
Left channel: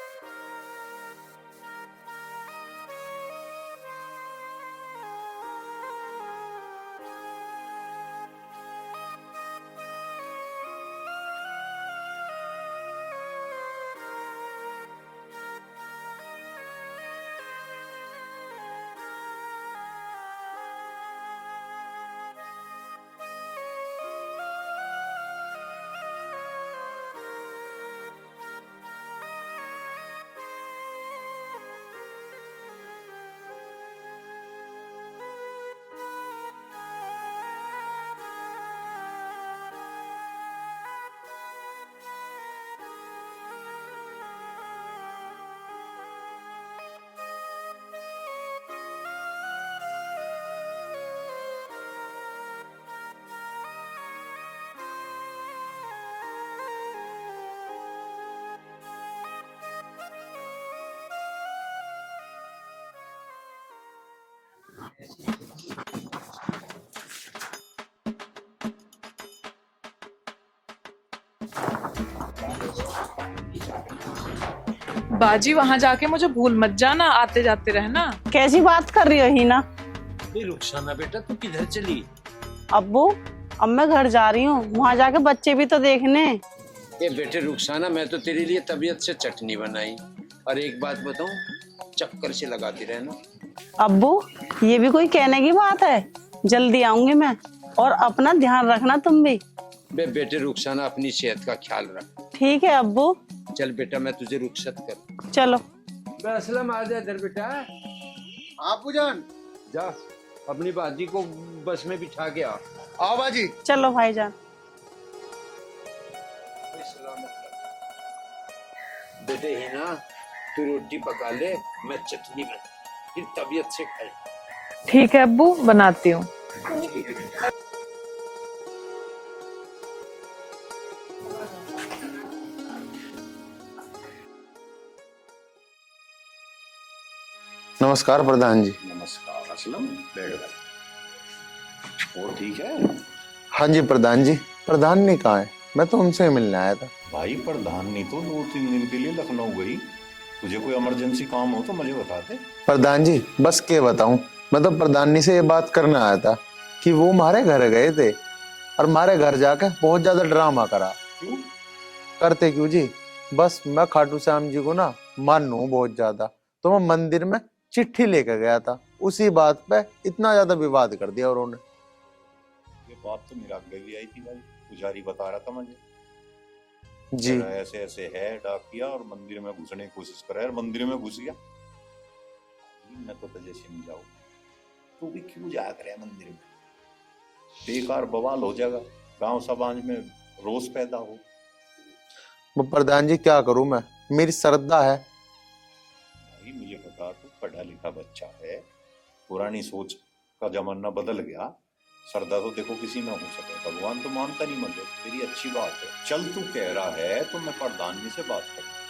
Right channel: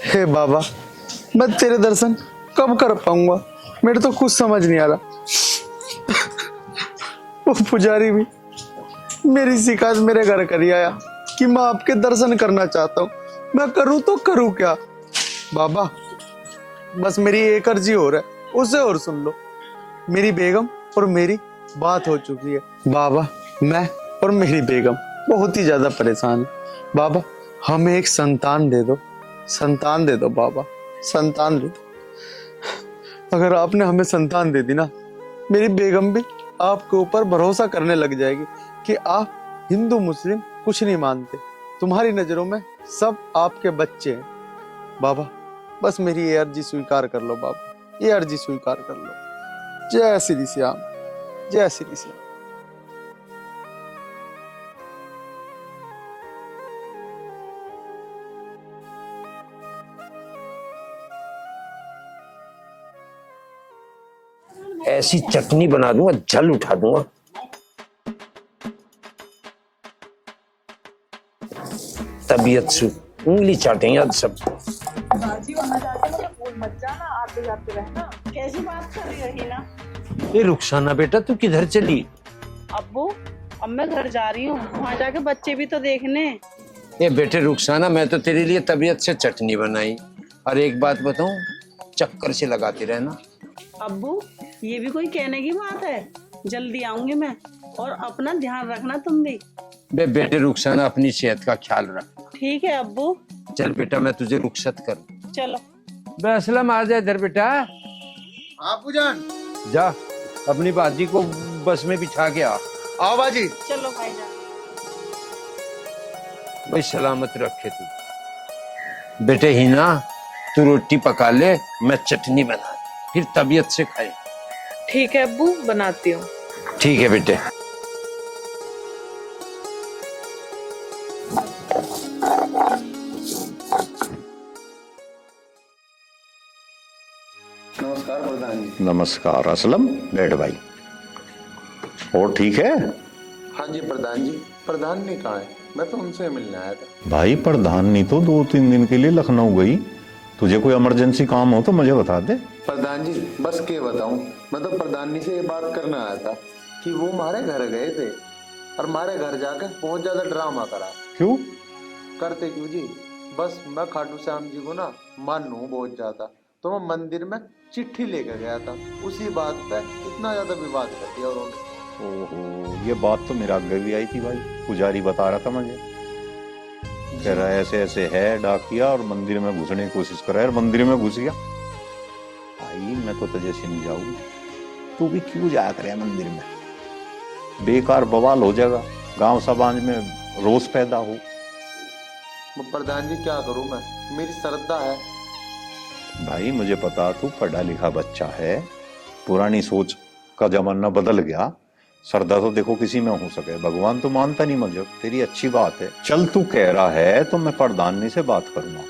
हे बाबा, मैं तेरे दर्शन कब कर पाऊंगा? मेरे तो कुछ समझ नहीं आ रहा। वो पुजारी भी मेरी शिकायत मेरे घर कर ही आया कि मैं आपके दर्शन करना चाहता हूँ। मैं करूँ तो करूँ क्या? बाबा बस मेरी एक अर्जी और है, उसे और सुन लो। मेरी बेगम और मेरी बात हो चुकी है। बाबा मैं और मेरी बेगम बहुत ही ज्यादा परेशान है। बाबा हमें एक संतान दे दो, संतान दे दो बाबा, संतान दे दो। अगर आपने हमें संतान दे दी ना, मेरी बेगम भी आपके ऊपर भरोसा करने लग जाएगी कि आप हिंदू मुस्लिम कुछ नहीं मानते, तुम्हारी नजरों में सब आपके बच्चे हैं। बाबा बस मेरी ये अर्जी स्वीकार कर लो बाबा, ये अर्जी स्वीकार कर लो। जय श्री श्याम, जय श्री श्याम। ऐसी चटनी बना दूंगा, जल उठा दूंगा। तबीयत से उंगली चाटेंगे आज सब। बाजी वहाँ जाके मुझे भूल मत जाना, आते जाते रहना। कैसी बात कर रही हो हीना? ये रुखसाना बेटा तू किधर चली? अब्बू अब मैं घर जा रही हूँ, वहाँ जाके बच्चे भी तो देखने। ये बेटे रुखसाना, मैं तो तेरे लिए तबीयत से चटनी बनाई। और एक बात बताऊं, चक्कर से लगाती रहना। अब्बू ये भी कोई कहने की बात है? जल्दी आऊंगी मैं, और अपना ध्यान रखना तुम भी। बेटे रुखसाना, अपनी सेहत का ख्याल रख। ठीक है अब्बू। चल बेटा, मैं तुझे रुखसत कर। चलो। असलम आ जा इधर बेटा। आपू जान जा अपनी बाजी को बस में बिछा के आ। आओ बाजी। चलो भाईजान। भाई सलामत रखे तू। बेटे हीना, तू रोटी पका ले, मैं चटनी बना, फिर तबीयत से खाए। ठीक है अब्बू, बनाती हूँ। ठीक है बेटे। नमस्कार प्रधान जी। नमस्कार असलम, बैठ भाई। और ठीक है? हाँ जी प्रधान जी। प्रधान ने कहा है? मैं तो उनसे मिलने आया था। भाई प्रधानी तो 2-3 दिन के लिए लखनऊ गई। तुझे कोई इमरजेंसी काम हो तो मुझे बता दे। प्रधान जी बस क्या बताऊं, मैं तो प्रधानी से ये बात करने आया था कि वो हमारे घर गए थे और हमारे घर जाके बहुत ज्यादा ड्रामा करा। क्यों करते क्यों जी, बस मैं खाटू श्याम जी को ना मानू बहुत ज्यादा, तो मैं मंदिर में चिट्ठी लेकर गया था, उसी बात पे इतना ज्यादा विवाद कर दिया उन्होंने। ओहो, ये बात तो मेरा आगे भी आई थी भाई, पुजारी बता रहा था मुझे। जरा ऐसे ऐसे है डाकिया और मंदिर में घुसने की कोशिश कर रहा है और मंदिर में घुस गया। भाई मैं तो तुझे समझाऊं, तू भी क्यों जाया करे मंदिर में, बेकार बवाल हो जाएगा, गांव समाज में रोष पैदा हो। वो प्रधान जी क्या करूं मैं, मेरी श्रद्धा है। भाई मुझे पता तू पढ़ा लिखा बच्चा है, पुरानी सोच का जमाना बदल गया, श्रद्धा तो देखो किसी में हो सके, भगवान तो मानता नहीं मुझे, तेरी अच्छी बात है। चल तू कह रहा है तो मैं प्रधानी से बात करूंगा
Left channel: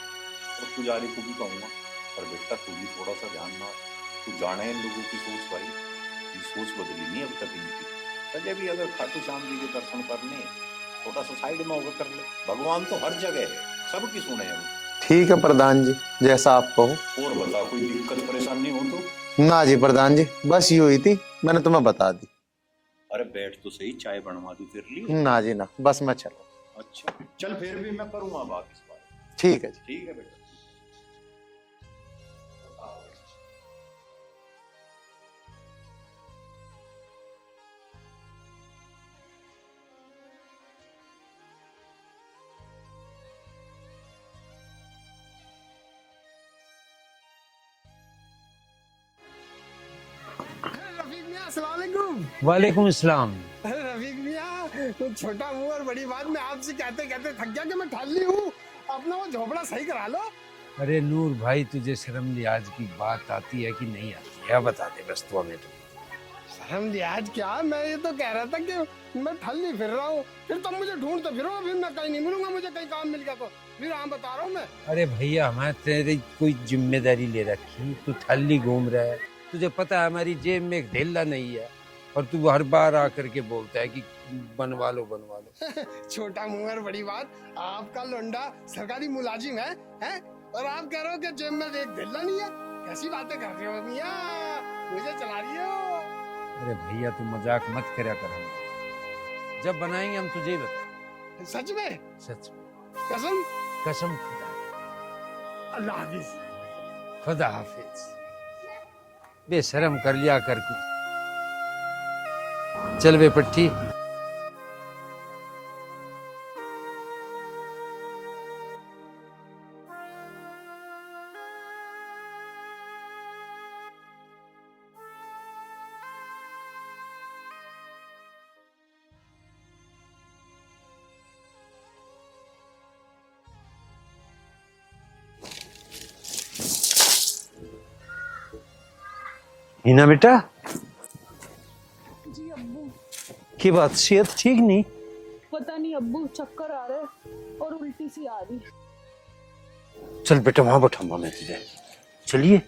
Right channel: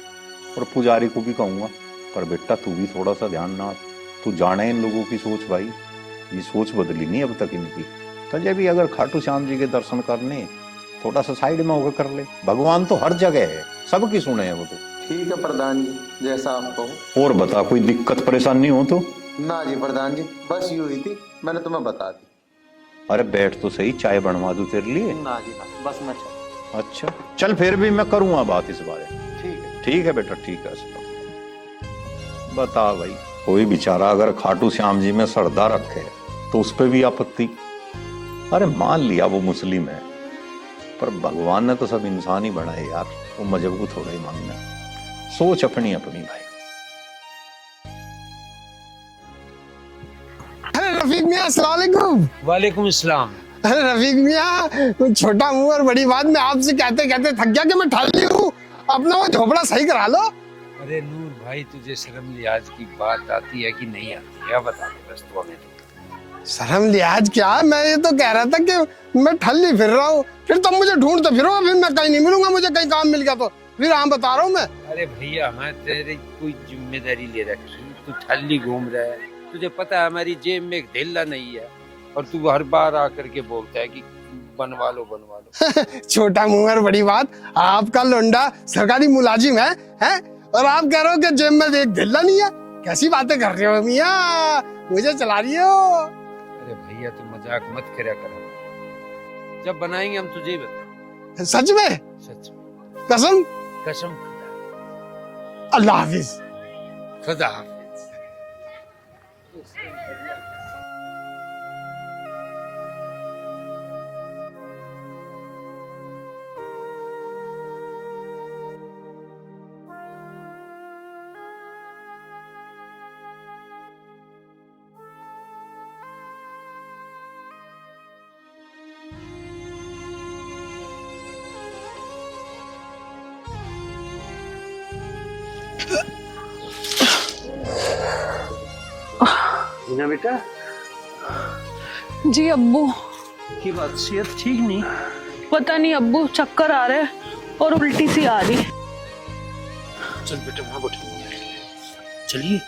और पुजारी को भी कहूंगा, पर बेटा तू भी थोड़ा सा ध्यान ना, तू जाने इन लोगों की सोच भाई, ये सोच बदली नहीं अब तक इनकी। तुझे भी अगर खाटू श्याम जी के दर्शन करने, थोड़ा सा साइड में होकर कर ले, भगवान तो हर जगह है, सबकी सुने है वो तो। ठीक है प्रधान जी, जैसा आप कहो। और बता, कोई दिक्कत परेशानी हो तो? ना जी प्रधान जी, बस ये हुई थी, मैंने तुम्हें बता दी। अरे बैठ तो सही, चाय बनवा दूं तेरे लिए? ना जी ना, बस मैं चाय। अच्छा चल, फिर भी मैं करूंगा बात इस बारे में। ठीक है। ठीक है बेटा, ठीक है। बता भाई, कोई बेचारा अगर खाटू श्याम जी में श्रद्धा रखे तो उस पर भी आपत्ति? अरे मान लिया वो मुस्लिम है, पर भगवान ने तो सब इंसान ही बनाए यार, वो मजहब को थोड़ा ही मानना है, सोच अपनी अपनी भाई। अरे रफीक मियाँ अस्सलाम वालेकुम। वालेकुम अस्सलाम। अरे रफीक मियाँ, छोटा मुंह और बड़ी बात, मैं आपसे कहते कहते थक गया कि मैं ठल्ली हूँ, अपना वो झोपड़ा सही करा लो। अरे नूर भाई, तुझे शर्म लिहाज की बात आती है कि नहीं आती, क्या बता दे बस तू हमें। शर्म लिहाज क्या, मैं ये तो कह रहा था कि मैं ठल्ली फिर रहा हूँ, फिर तुम मुझे ढूंढते फिरो, फिर मैं कहीं नहीं मिलूंगा, मुझे कहीं काम मिल गया तो फिर हाँ बता रहा हूँ मैं। अरे भैया, मैं तेरी कोई जिम्मेदारी ले रखी, तू ठल्ली घूम रहा है, तुझे पता है हमारी जेब में एक ढेला नहीं है, और तू हर बार आकर के बोलता है कि बनवा लो बनवा लो। छोटा मुंह और बड़ी बात, आपका लोंडा सरकारी मुलाजिम है और आप कह रहे हो कि जेब में एक ढेला नहीं है, कैसी बातें कर रहे हो मियाँ, मुझे चला रही हो। अरे भैया तू मजाक मत करा कर, जब बनाएंगे हम तुझे बता। सच में? सच में, कसम? कसम। अल्लाह हाफिज। खुदा हाफिज। बेशरम कर लिया करके। चल बे पट्टी। हिना बेटा। जी अब्बू। की बात, सेहत ठीक नहीं? पता नहीं अब्बू, चक्कर आ रहे और उल्टी सी आ रही। चल बेटा वहां बैठाऊंगा मैं तुझे, चलिए।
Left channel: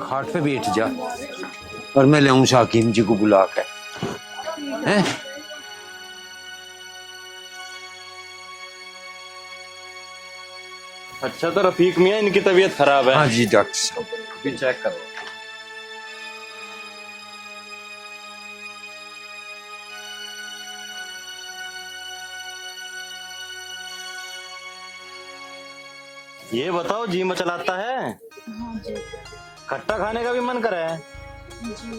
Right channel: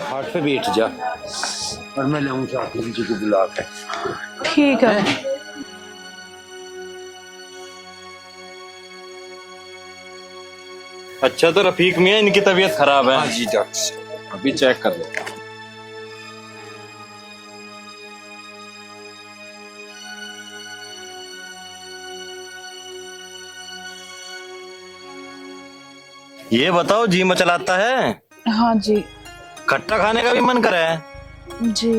हाथ पे बैठ जा और मैं ले आऊं शाकिब जी को बुला के। ठीक है। अच्छा तो रफीक मियाँ, इनकी तबीयत खराब है? हाँ जी डॉक्टर साहब, अभी चेक कर लो। ये बताओ, जी में चलाता है? हाँ जी। खट्टा खाने का भी मन करे है? जी।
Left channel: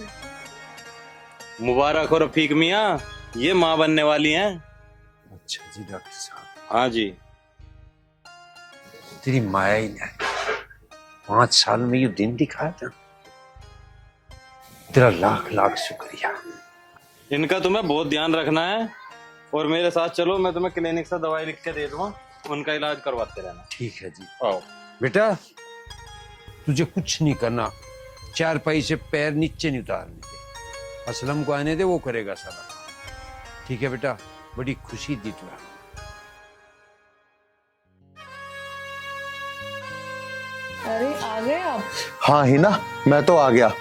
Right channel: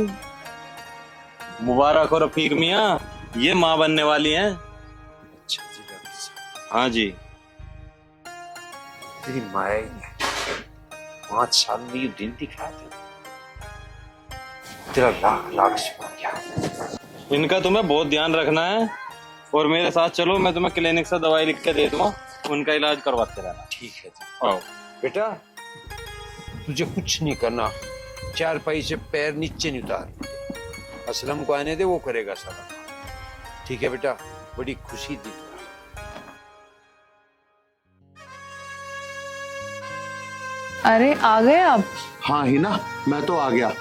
मुबारक हो रफीक मियाँ, ये माँ बनने वाली हैं। अच्छा जी डॉक्टर साहब। हाँ जी। तेरी माया ही ने 5 साल में ये दिन दिखाया था, तेरा लाख लाख शुक्रिया। इनका तुम्हें बहुत ध्यान रखना है और मेरे साथ चलो, मैं तुम्हें क्लिनिक से दवाई लिख के दे दूंगा, उनका इलाज करवाते रहना। ठीक है जी। आओ। बेटा तुझे कुछ नहीं करना, 4 पाई से पैर नीचे नहीं उतार, असलम को आने दे, वो करेगा सारा। ठीक है बेटा, बड़ी खुशी दी तुम्हें। अरे आ गए आप? हाँ ही ना, मैं तो आ गया।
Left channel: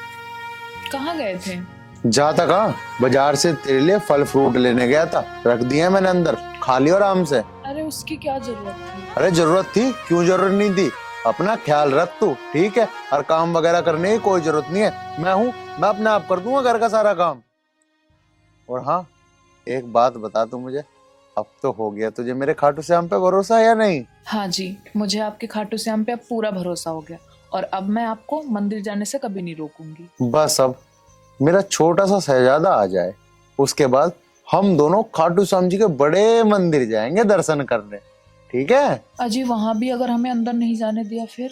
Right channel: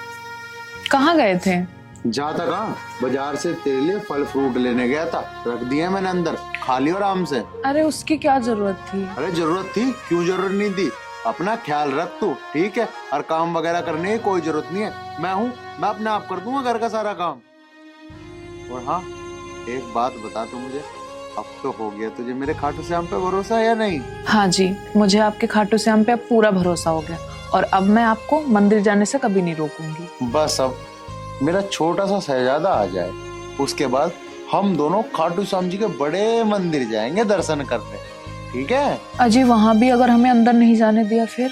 कहाँ गए थे? जाता कहाँ, बाजार से तेरे लिए फल फ्रूट लेने गया था, रख दिया मैंने अंदर, खा लियो आराम से। अरे उसकी क्या जरूरत थी? अरे जरूरत थी, क्यों जरूरत नहीं थी, अपना ख्याल रख तू, ठीक है? और काम वगैरह करने की कोई जरूरत नहीं है, मैं हूँ, मैं अपने आप कर दूंगा घर का सारा काम। और हाँ, एक बात बता तू मुझे, अब तो हो गया तुझे मेरे खाटू श्याम पे भरोसा है या नहीं? हाँ जी, मुझे आपके खाटू श्याम पे अब पूरा भरोसा हो गया और अब मैं आपको मंदिर जाने से कभी नहीं रोकूंगी। बस अब मेरा छोटा सा शहजादा आ जाए, उसके बाद हम दोनों खाटू श्याम जी के बड़े मंदिर जाएंगे दर्शन करने, ठीक है? अजी वहाँ भी अगर हमें अंदर नहीं जाने दिया फिर?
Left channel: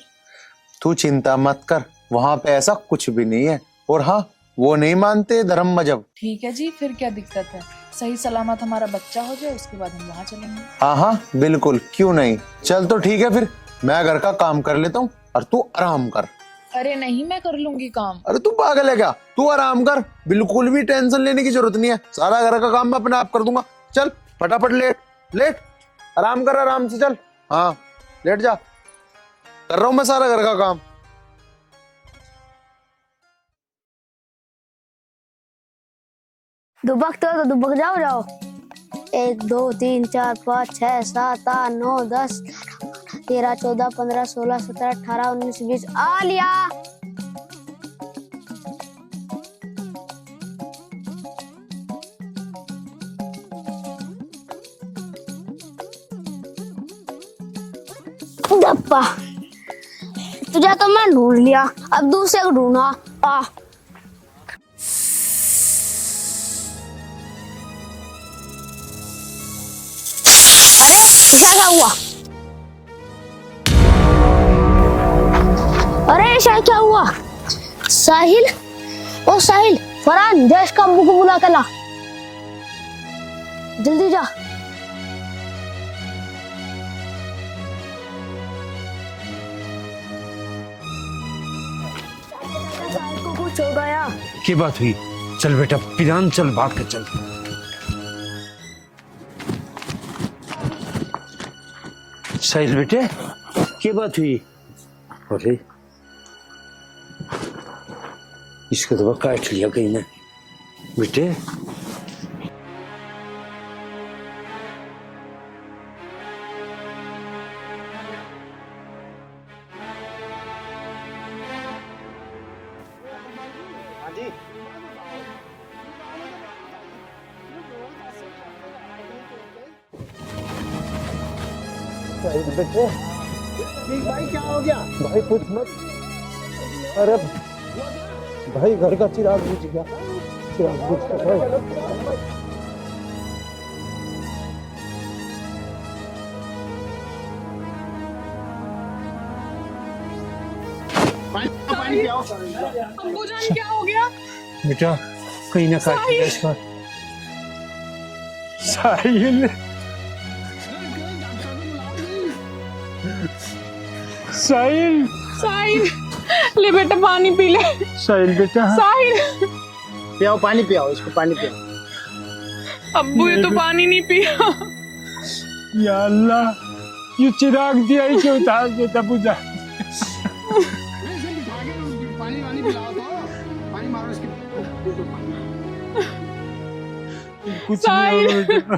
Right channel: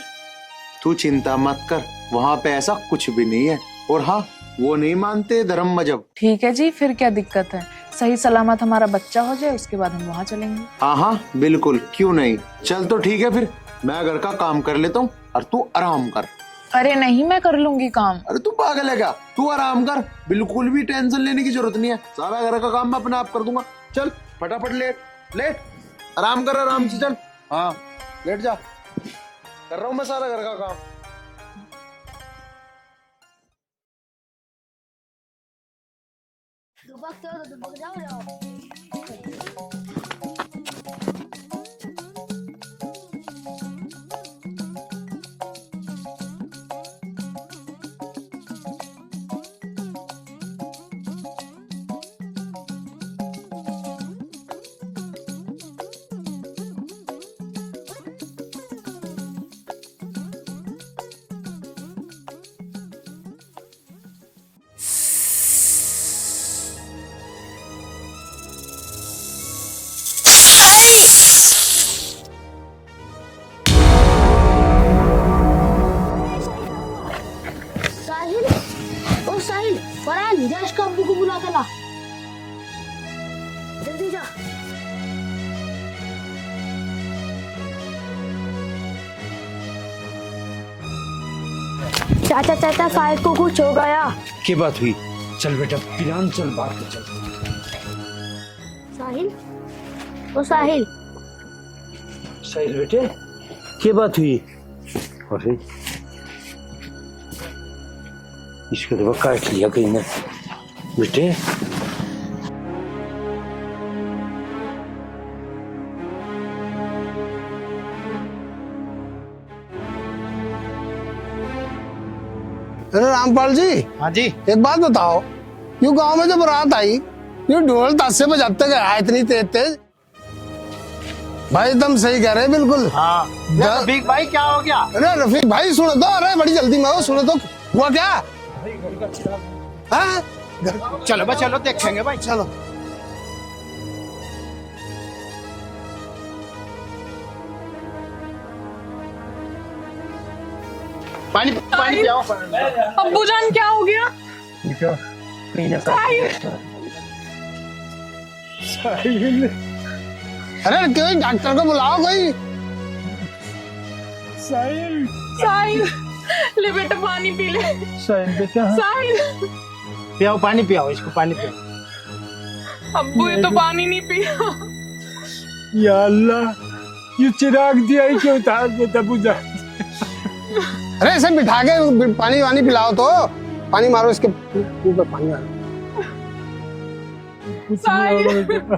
तू चिंता मत कर, वहाँ पे ऐसा कुछ भी नहीं है। और हाँ, वो नहीं मानते धर्म मजहब। ठीक है जी, फिर क्या दिक्कत है? सही सलामत हमारा बच्चा हो जाए, उसके बाद हम वहाँ चलेंगे। हाँ हाँ बिल्कुल, क्यों नहीं। चल तो ठीक है, फिर मैं घर का काम कर लेता हूँ और तू आराम कर। अरे नहीं, मैं कर लूंगी काम। अरे तू पागल है क्या, तू आराम कर, बिल्कुल भी टेंशन लेने की जरूरत नहीं है, सारा घर का काम मैं अपने आप कर दूंगा। चल फटाफट लेट लेट, आराम कर, आराम से चल। हाँ लेट जा, कर रहा हूँ मैं सारा घर का काम। दुबक तो दुबक जाओ। 1 2 3 4 5 6 7 8 9 10 13 14 15 16 17 18 19 20 आ लिया। डप्पा तुझे तो मैं ढूंढ लिया, अब दूसरे को ढूंढा। आ क्या हुआ? अरे शायद क्या हुआ? साहिल, ओ साहिल, फरहान देश का अब्बू को बुला के ला, जल्दी जा। चाचा चाचा साहिल को कुछ हो गया। की बात हुई? चल बेटा पिरान, चल बात कर। चल साहिल, ओ साहिल। साहिल बेटे, क्या बात हुई? अरे इसको तो काट लिया कहीं ने बेटे। अरे रामपाल जी। हाँ जी। एक बात बताओ, यूं गांव में जो बारात आई, यूं ढोल ताशे बजाते गए इतनी तेज तेज। भाई एकदम सही कह रहे हैं, बिल्कुल। हाँ। रफीक भाई क्या हो गया? अरे रफीक भाई सुनो तो, अरे बड़ी जल्दी में हो, सुनो तो हुआ क्या? भाई घर का चिराग बुझ गया। हाँ? चलो भाई, चलो देखेंगे भाई, चलो। पानी पानी जाओ। अब्बू जान क्या हो गया? बेटा कहीं ना कहीं साहिल। अरे क्यों, डॉक्टर को बुलाओ कोई। साहिल, साहिल ले बेटा पानी पी ले। साहिल बेटा, साहिल पियाओ पानी, पियाओ इसको पानी पियाओ। अब्बू ये तो पानी नहीं पिया। या अल्लाह, ये चिराग दिया ही क्यों उतार देता बुझा। अरे इसे बिठा के पानी वानी पिलाओ तो, पानी मारो इसके ऊपर, पानी मारो। कुछ नहीं होगा बेटा।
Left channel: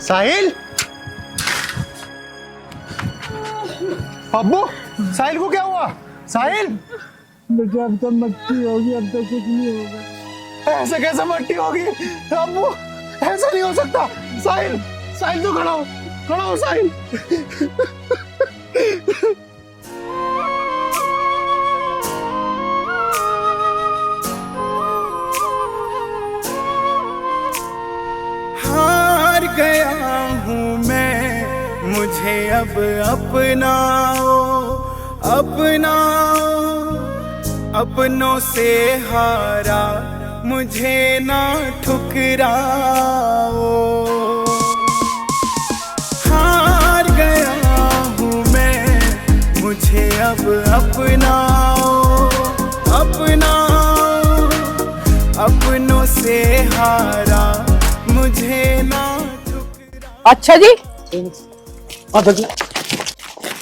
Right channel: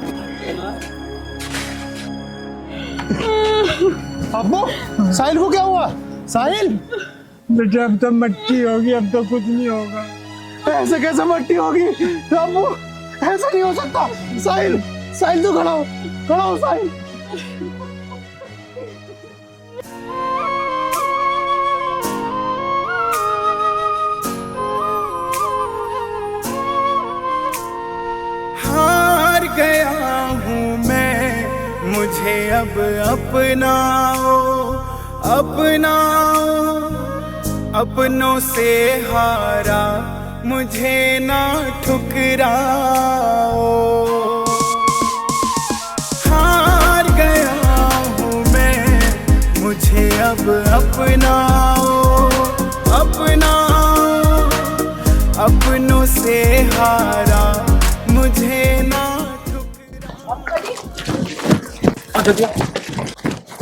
साहिल, अब्बू साहिल को क्या हुआ? साहिल बेटा अब तो मट्टी होगी, अब तो कुछ नहीं होगा। ऐसे कैसे मट्टी होगी अब्बू? ऐसा नहीं हो सकता। साहिल, साहिल तो खड़ा हो, खड़ा हो साहिल। हार गया हूँ मैं, मुझे अब अपनाओ, अपना अपनों से हारा मुझे ना ठुकराओ, हार गया हूँ मैं, मुझे अब अपनाओ, अपनाओ, अपनों से हारा मुझे ना ठुकराओ। अच्छा जी,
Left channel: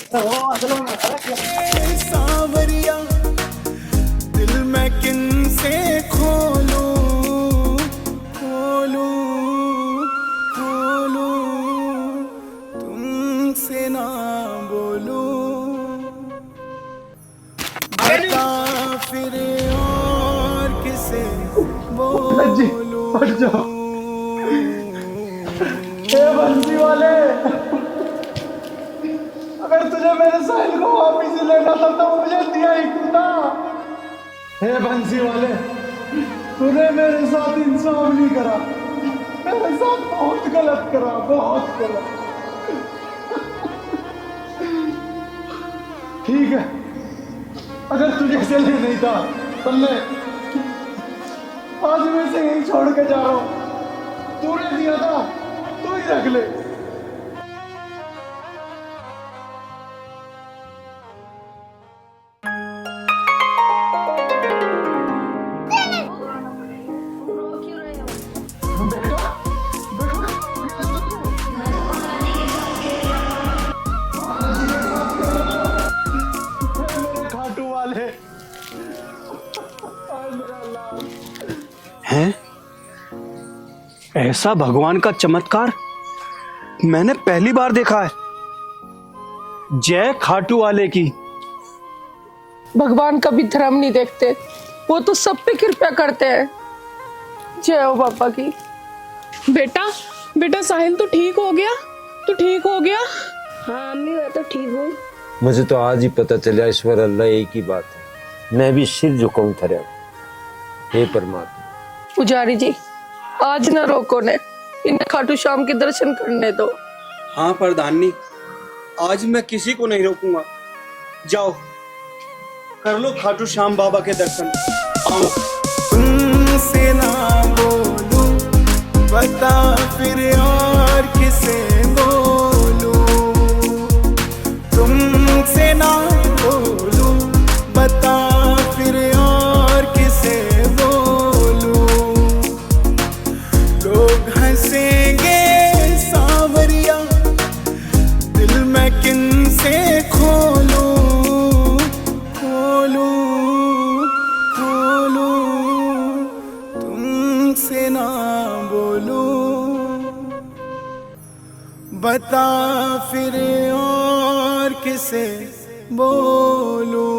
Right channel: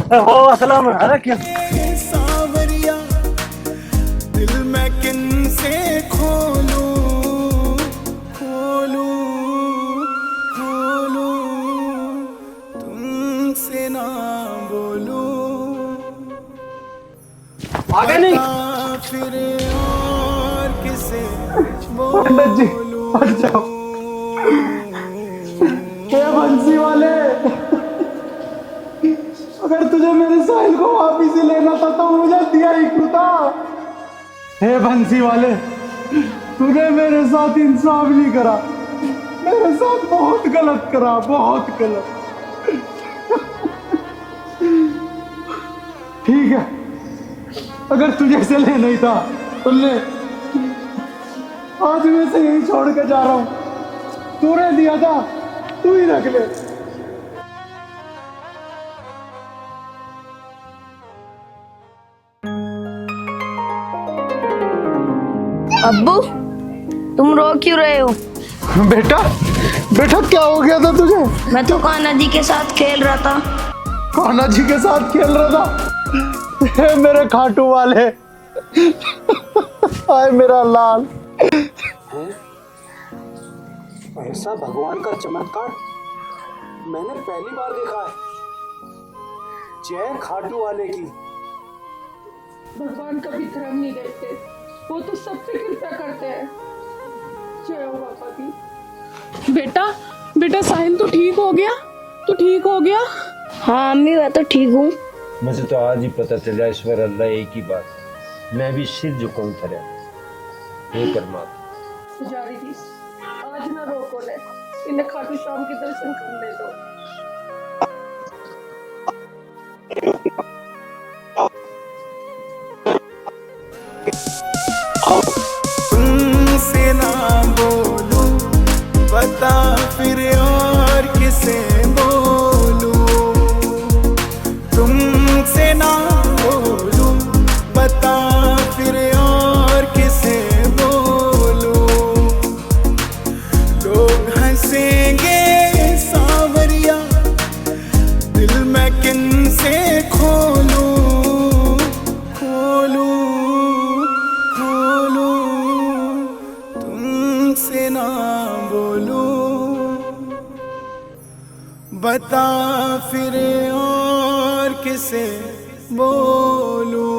अस्सलाम वालेकुम। सांवरिया दिल मैं किन से खोलूं, खोलूं, खोलूं, तुमसे ना बोलूं, बता फिर और किसे बोलूं। बंसी वाले, अगर तुझे मेरे साहिल को वापिस ही लेना था तो मुझे दिया ही क्यों था? हे बंसी वाले, तूने मेरे साथ इंसाफ नहीं करा, मेरे साथ बहुत गलत करा, बहुत गलत। ठीक है, अगर तुझे से ले नहीं था तो ले, आज मैं से यही छोड़ के जा रहा हूं। तूने दिया था, तू ही रख ले। अब्बू, तुम रो क्यों रहे हो? बेटा, बेटा क्या हो गया था तुझे? मैं तो कान्हा जी के साथ खेल रहा था। कान्हा जी के साथ खेल रहा था? हे मेरे खाटू वाले, हाय मेरा लाल। हैं? ऐसा भगवान का चमत्कार मैंने पहली बार देखा है। जय खाटू वाले की। भगवान कभी धर्म नहीं देखते, वो तो सब पे कृपा करते हैं। जय हो पापा की। बेटा, बेटा साहिल तो ठीक हो गया? तो ठीक हो गया? हाँ अम्मी, मैं तो ठीक हूँ। मुझे तो आज ही पता चला ईश्वर अल्लाह एक ही बात है। मैं भी सिर झुकाऊं तेरे, हे परमात्मा। पुजारी जी, आज ना रोको ने, इन्हें खाटू श्याम के दर्शन करने दो। हाँ प्रधानी, आज मैं किसी को नहीं रोकूंगा। जाओ कर लो खाटू श्याम बाबा के दर्शन। तुमसे ना बोलूं, बता फिर और किसे बोलूं, तुमसे ना बोलूं, बता फिर और किसे बोलूं, लोग हंसेंगे सांवरिया, दिल मैं किन से खोलूं, खोलूं, खोलूं, तुमसे ना बोलूं, बता फिर और किसे बोलूं।